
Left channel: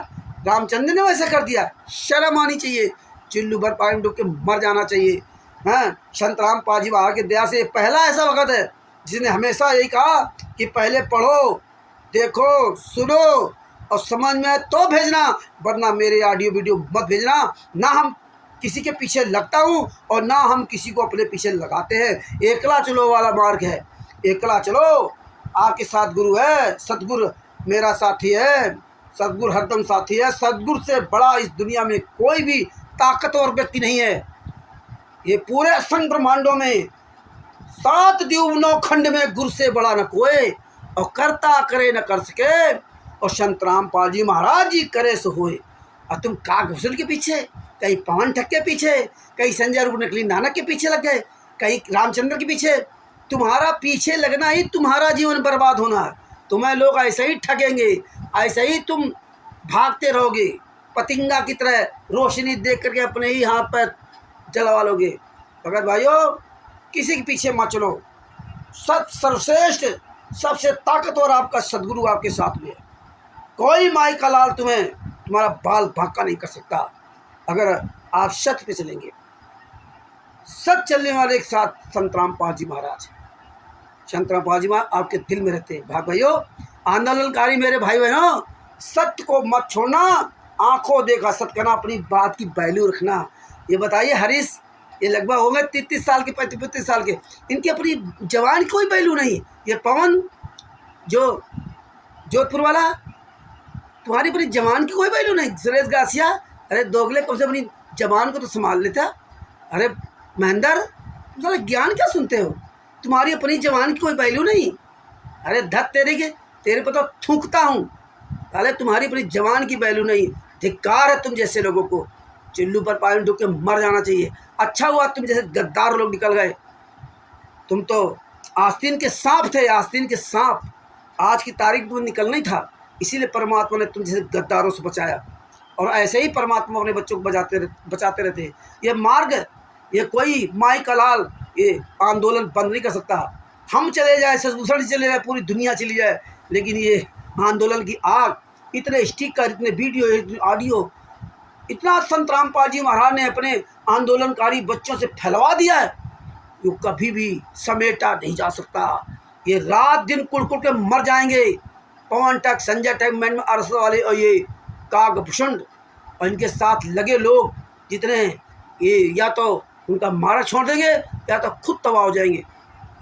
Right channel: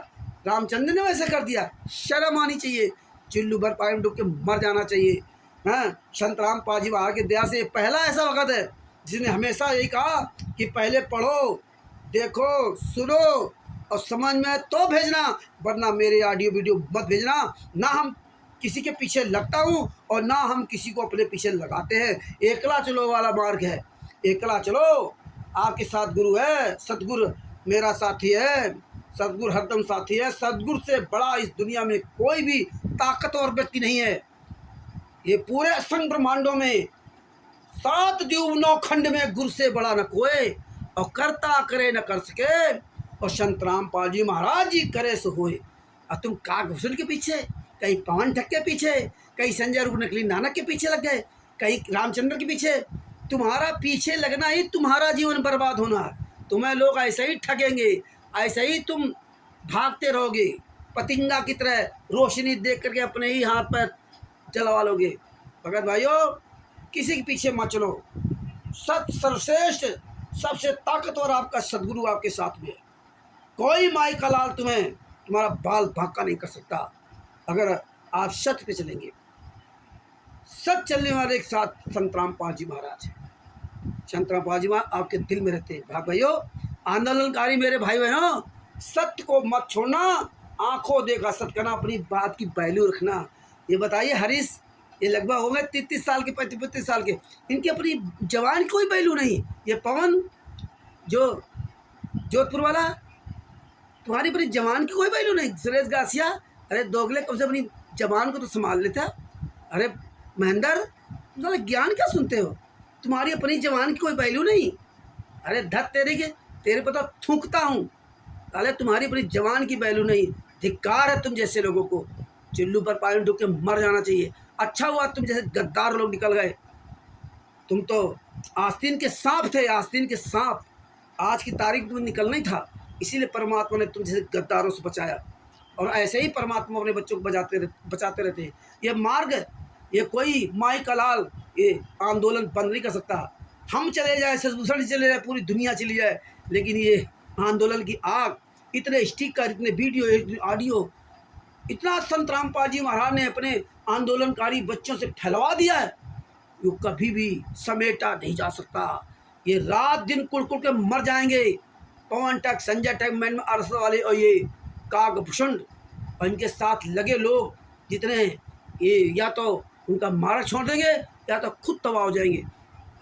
रामचंद्र ने वैसा कर दिया। शर्म आनी चाहिए, चिल्लू भर पानी में डूब के मर जाना चाहिए। हाँ, संत रामपाल जी महाराज की दया से पहला ऐसा वक्त है जिसने हमेशा यही कहा कि पहले पढ़ो, देखो, सुनो और समझ में आए तो भेजना, वरना मेरे ऑडियो वीडियो मत भेजना। ना हम किसी के पीछे लगता हूँ और ना हम किसी को अपने पीछे लगाते हैं। एकला चलो वाला मार्ग है, एकला चलो। आपके साथ गुरु है, सतगुरु मेरा साथी है, सतगुरु हरदम साथी है। सतगुरु से बड़ा इस दुनिया में कोई भी ताकतवर व्यक्ति नहीं है। ये पूरे असंख्य ब्रह्मांडों में 7 द्वीप 9 खंड में गुरु से बड़ा न कोई, और करता करे न कर सके, और संत रामपाल जी महाराज जी करे सो होए। और तुम कागभूषण के पीछे, कहीं पवन ठग के पीछे, कहीं संजय रूप नकली नानक के पीछे लग गए, कहीं रामचंद्र के पीछे। तुम्हारा पीछे लगना ही तुम्हारा जीवन बर्बाद होना है। तुम्हें लोग ऐसे ही ठगेंगे, ऐसे ही तुम भागते रहोगे पतिंगा की तरह, रोशनी देख करके अपने ही हाथ पैर जलवा लोगे। भगत भाइयों, किसी के पीछे मत चलो। सत सर्वश्रेष्ठ सबसे ताकतवर आपका सदगुरु आपके साथ में है। कोई माई का लाल तुम्हारा बाल भाका नहीं कर सकता अगर आप सत्य पे चलेंगे। सच चलने वाले एक साथ संत रामपाल जी महाराज, संत रामपाल जी महाराज आपके दिल में रहते हैं। भाइयों, आंदोलनकारी मेरे भाई बहनों, सत्य को मत छोड़ना, आंखों देखा सत्य करना, अपनी बात की वैल्यू रखना। ये बताइए हरीश, ये लगभग हो गए 33 साल के, 35 साल के, इनकी अपनी जवान की कोई वैल्यू नहीं। ये पवन जो जोधपुर वाला, तुम्हारी अपनी जवान की कोई वैल्यू नहीं। सुरेश गासिया, अरे दोगले कब से अपनी जवान को तो संभाल लेता। अरे महेंद्र, तुम ज्ञान क्या सुनते हो, तुम्हारी अपनी जवान की कोई वैल्यू नहीं। अरे धत तेरे पर तो थूकता हूँ। अरे तुम्हारी अपनी जवान की वैल्यू नहीं। धिक्कार है तुम जैसे लोगों को, चुल्लू पर पानी डूब के मर जाना चाहिए। अच्छा हुआ तुम जैसे गद्दार लोग निकल गए। तुम तो आस्तीन के सांप थे, आस्तीन के सांप। आज की तारीख में निकलना ही था, इसीलिए परमात्मा ने तुम जैसे गद्दारों से बचाया। और ऐसे ही परमात्मा अपने बच्चों को बचाते रहते हैं। ये मार्ग, ये कोई माई का लाल ये आंदोलन बंद नहीं कर सकता। हम चले जाए, ससभूषण चले जाए, पूरी दुनिया चली जाए, लेकिन ये आंदोलन की आग, इतने स्टिकर, इतने वीडियो, इतने ऑडियो, इतना संत रामपाल जी महाराज ने अपने आंदोलनकारी बच्चों से फैलवा दिया है, जो कभी भी समेटा नहीं जा सकता। ये रात दिन कुड़ के मर जाएंगे। पवन टक, संजय टक, मैन अरस वाले और ये काकभूषण और इनके साथ लगे लोग जितने, ये या तो उनका मारा छोड़ देंगे या तो खुद तबाह हो जाएंगे।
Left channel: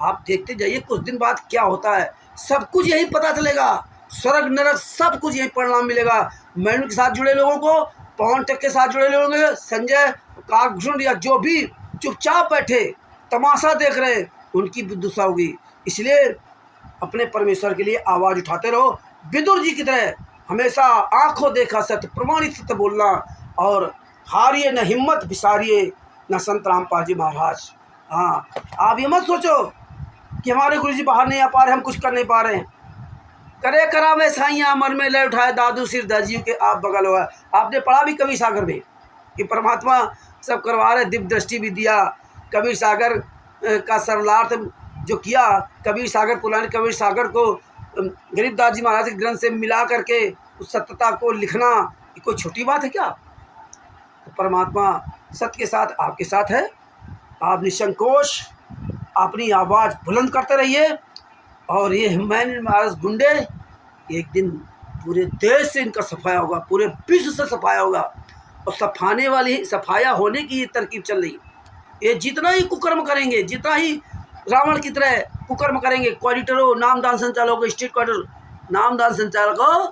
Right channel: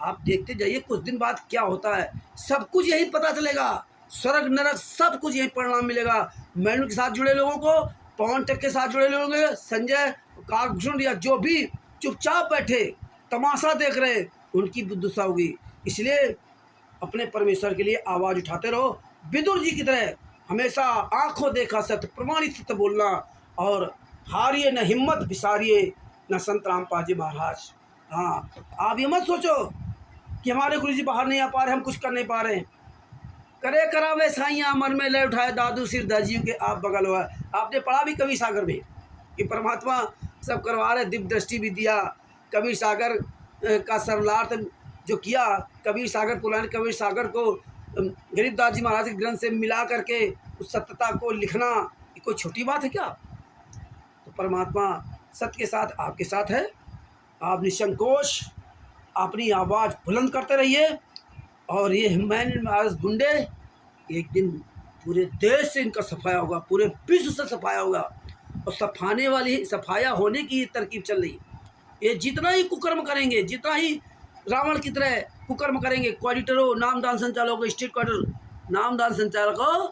आप देखते जाइए कुछ दिन बाद क्या होता है, सब कुछ यही पता चलेगा। स्वर्ग नरक सब कुछ यही परिणाम मिलेगा। मैनू के साथ जुड़े लोगों को, पवन टक के साथ जुड़े लोगों को, संजय काकभूषण या जो भी चुपचाप बैठे तमाशा देख रहे, उनकी दुर्दशा होगी। इसलिए अपने परमेश्वर के लिए आवाज़ उठाते रहो, विदुर जी की तरह हमेशा आंखों देखा सत्य, प्रमाणित सत्य बोलना, और हारिए न हिम्मत, बिसारिए न संत रामपाल जी महाराज। हाँ, आप ये मत सोचो कि हमारे गुरु जी बाहर नहीं आ पा रहे, हम कुछ कर नहीं पा रहे हैं। करे करावे साइयाँ मन में ले उठाए, दादू सिर दाजियों के आप बगल हुआ। आपने पढ़ा भी कबीर सागर में कि परमात्मा सब करवा रहे, दिव्य दृष्टि भी दिया। कबीर सागर का सरलार्थ जो किया, कबीर सागर पुराने कबीर सागर को गरीबदास जी महाराज के ग्रंथ से मिला करके उस सत्यता को लिखना, ये कोई छोटी बात है क्या? तो परमात्मा सत्य के साथ आपके साथ है। आप निसंकोच अपनी आवाज़ बुलंद करते रहिए। और ये हिमायत महाराज गुंडे, एक दिन पूरे देश से इनका सफाया होगा, पूरे विश्व से सफाया होगा। और सफाने वाली, सफाया होने की ये तरकीब चल रही। ये जितना ही कुकर्म करेंगे, जितना ही रावण की तरह कुकर्म करेंगे, क्वाडिटरों, नामदान संचालकों, स्ट्रीट क्वार्टर नामदान संचालकों,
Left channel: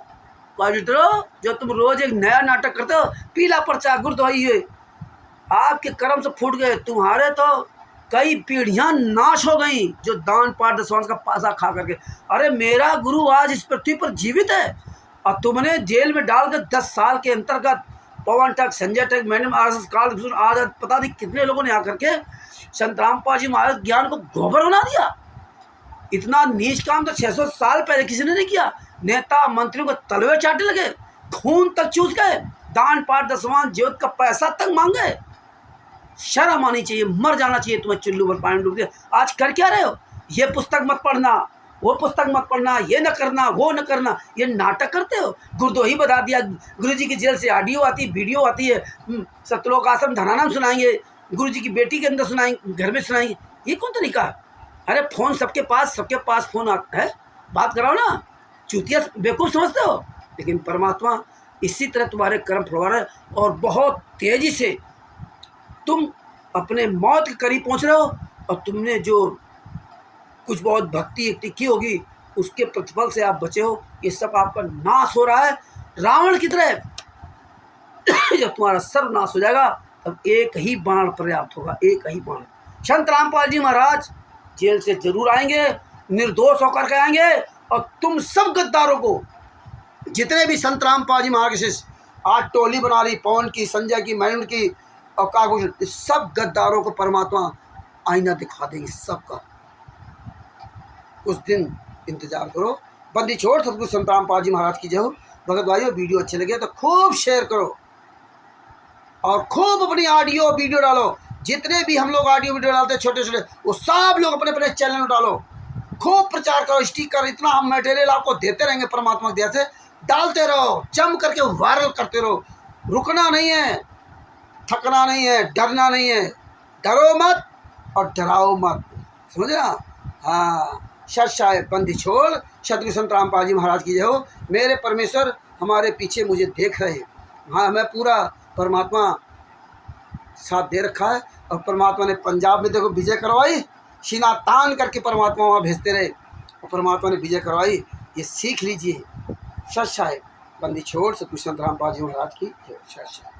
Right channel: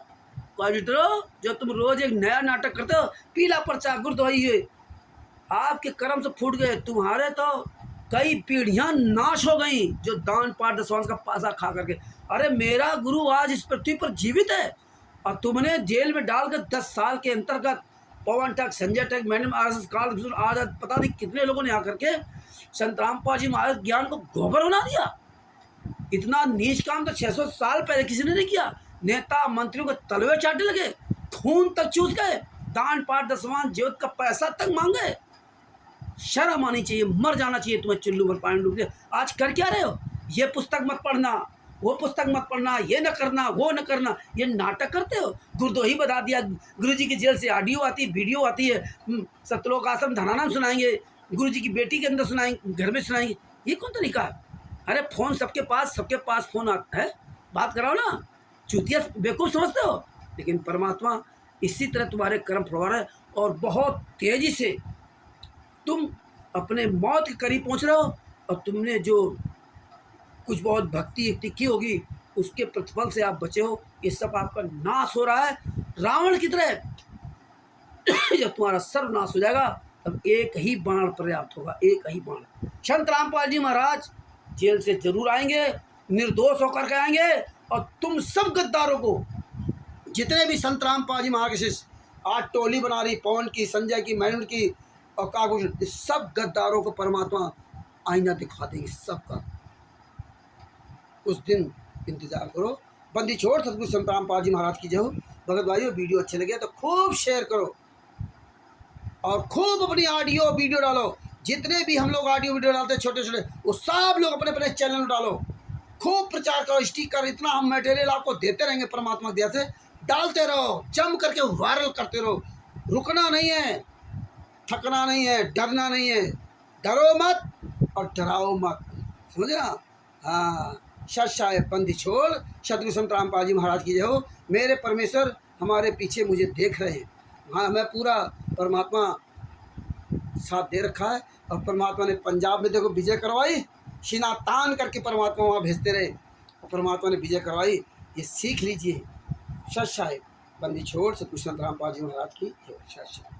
क्वाडिटरों, जो तुम रोज एक नया नाटक करते हो, पीला पर्चा गुरुद्वाई, आपके कर्म से फूट गए। तुम्हारे तो कई पीढ़ियां नाश हो गई जो दान पाठ दशवांश का पासा खा करके। अरे मेरा गुरु आज इस पृथ्वी पर जीवित है और तुमने जेल में डालकर 10 साल के अंतर्गत पवन टक, संजय टक, मैंने काल आज पता नहीं कितने लोगों ने आकर के संत रामपाल जी महाराज ज्ञान को गोबर बना दिया। इतना नीच काम तो 600 साल पहले किसी ने नहीं किया। नेता मंत्रियों को तलवे चाटे लगे, खून तक चूस गए, दान पाठ दशवांश ज्योत का पैसा तक मांगे। शर्म आनी चाहिए, मर जाना चाहिए तुम्हें चुल्लू पर पानी डूब के। आज कर क्या रहे हो? ये पुस्तक मत पढ़ना, वो पुस्तक मत पढ़ना, ये न करना, वो न करना, ये नाटक करते हो। गुरुद्रोही बता दिया, गुरु जी की जेल से ऑडियो आती है, वीडियो आती है, सतलोक आश्रम धनानाम सुनाएंगे, गुरु जी की बेटी के अंदर सुनाएंगे, घर में सुनाएंगे। ये कौन तरीका? अरे फ़ोन सबके पास फ़ोन आता है, बात कराओ ना। चूतिया बेवकूफ़ समझते हो, लेकिन परमात्मा इसी तरह तुम्हारे कर्म फुलवा रहा है। और बहुत तेज़ी से तुम अपने मौत के करीब पहुंच रहे हो। और तुमने जो कुछ बहुत भक्ति की होगी, उसके प्रतिफल से आप बचे हो। ये सब आपका नाश हो रहा है रावण की तरह। जब तुम्हारा सर्वनाश हो जाएगा, तब एक ही बाण पर्याप्त होगा, एक ही बाण। संत रामपाल जी महाराज जेल से जरूर आएंगे, निर्दोष होकर के आएंगे। और तुम सब गद्दारों को, जितने भी संत रामपाल जी महाराज के शिष्य आज टोली बना रही, पवन की, संजय की, मैनन की और काकभूषण, इस सब गद्दारों को परमात्मा आईना दिखा देंगे सबका। कुछ दिन इंतजार करो। बंदी छोड़ सतगुरु संत रामपाल जी महाराज की जय हो। भगत भाइयों, वीडियो अच्छे लगे तो खूब शेयर करो और खूब अपनी ऑडियो वीडियो डालो। जितने भी हम लोग ऑडियो वीडियो डालते हैं छोटे छोटे, वो सब लोग अपने अपने चैनल में डालो, खूब प्रचार करो, स्टिकर, इतना हम मटेरियल आपको देते रहेंगे परमात्मा की दया से। डालते रहो, जम करके वायरल करते रहो, रुकना नहीं है, थकना नहीं है, डरना नहीं है। डरो मत और डराओ मत, समझे ना? हाँ, सच साहेब बंदी छोड़, सतगुरु संत रामपाल जी महाराज की जय हो। मेरे परमेश्वर हमारे पीछे मुझे देख रहे हैं। हाँ, हमें पूरा परमात्मा साथ दे रखा है। और परमात्मा ने पंजाब में देखो विजय करवाई, सीना तान करके परमात्मा वहाँ भेजते रहे और परमात्मा ने विजय करवाई। ये सीख लीजिए। सच साहेब बंदी छोड़, सतगुरु संत रामपाल जी महाराज की जय। सच साहेब।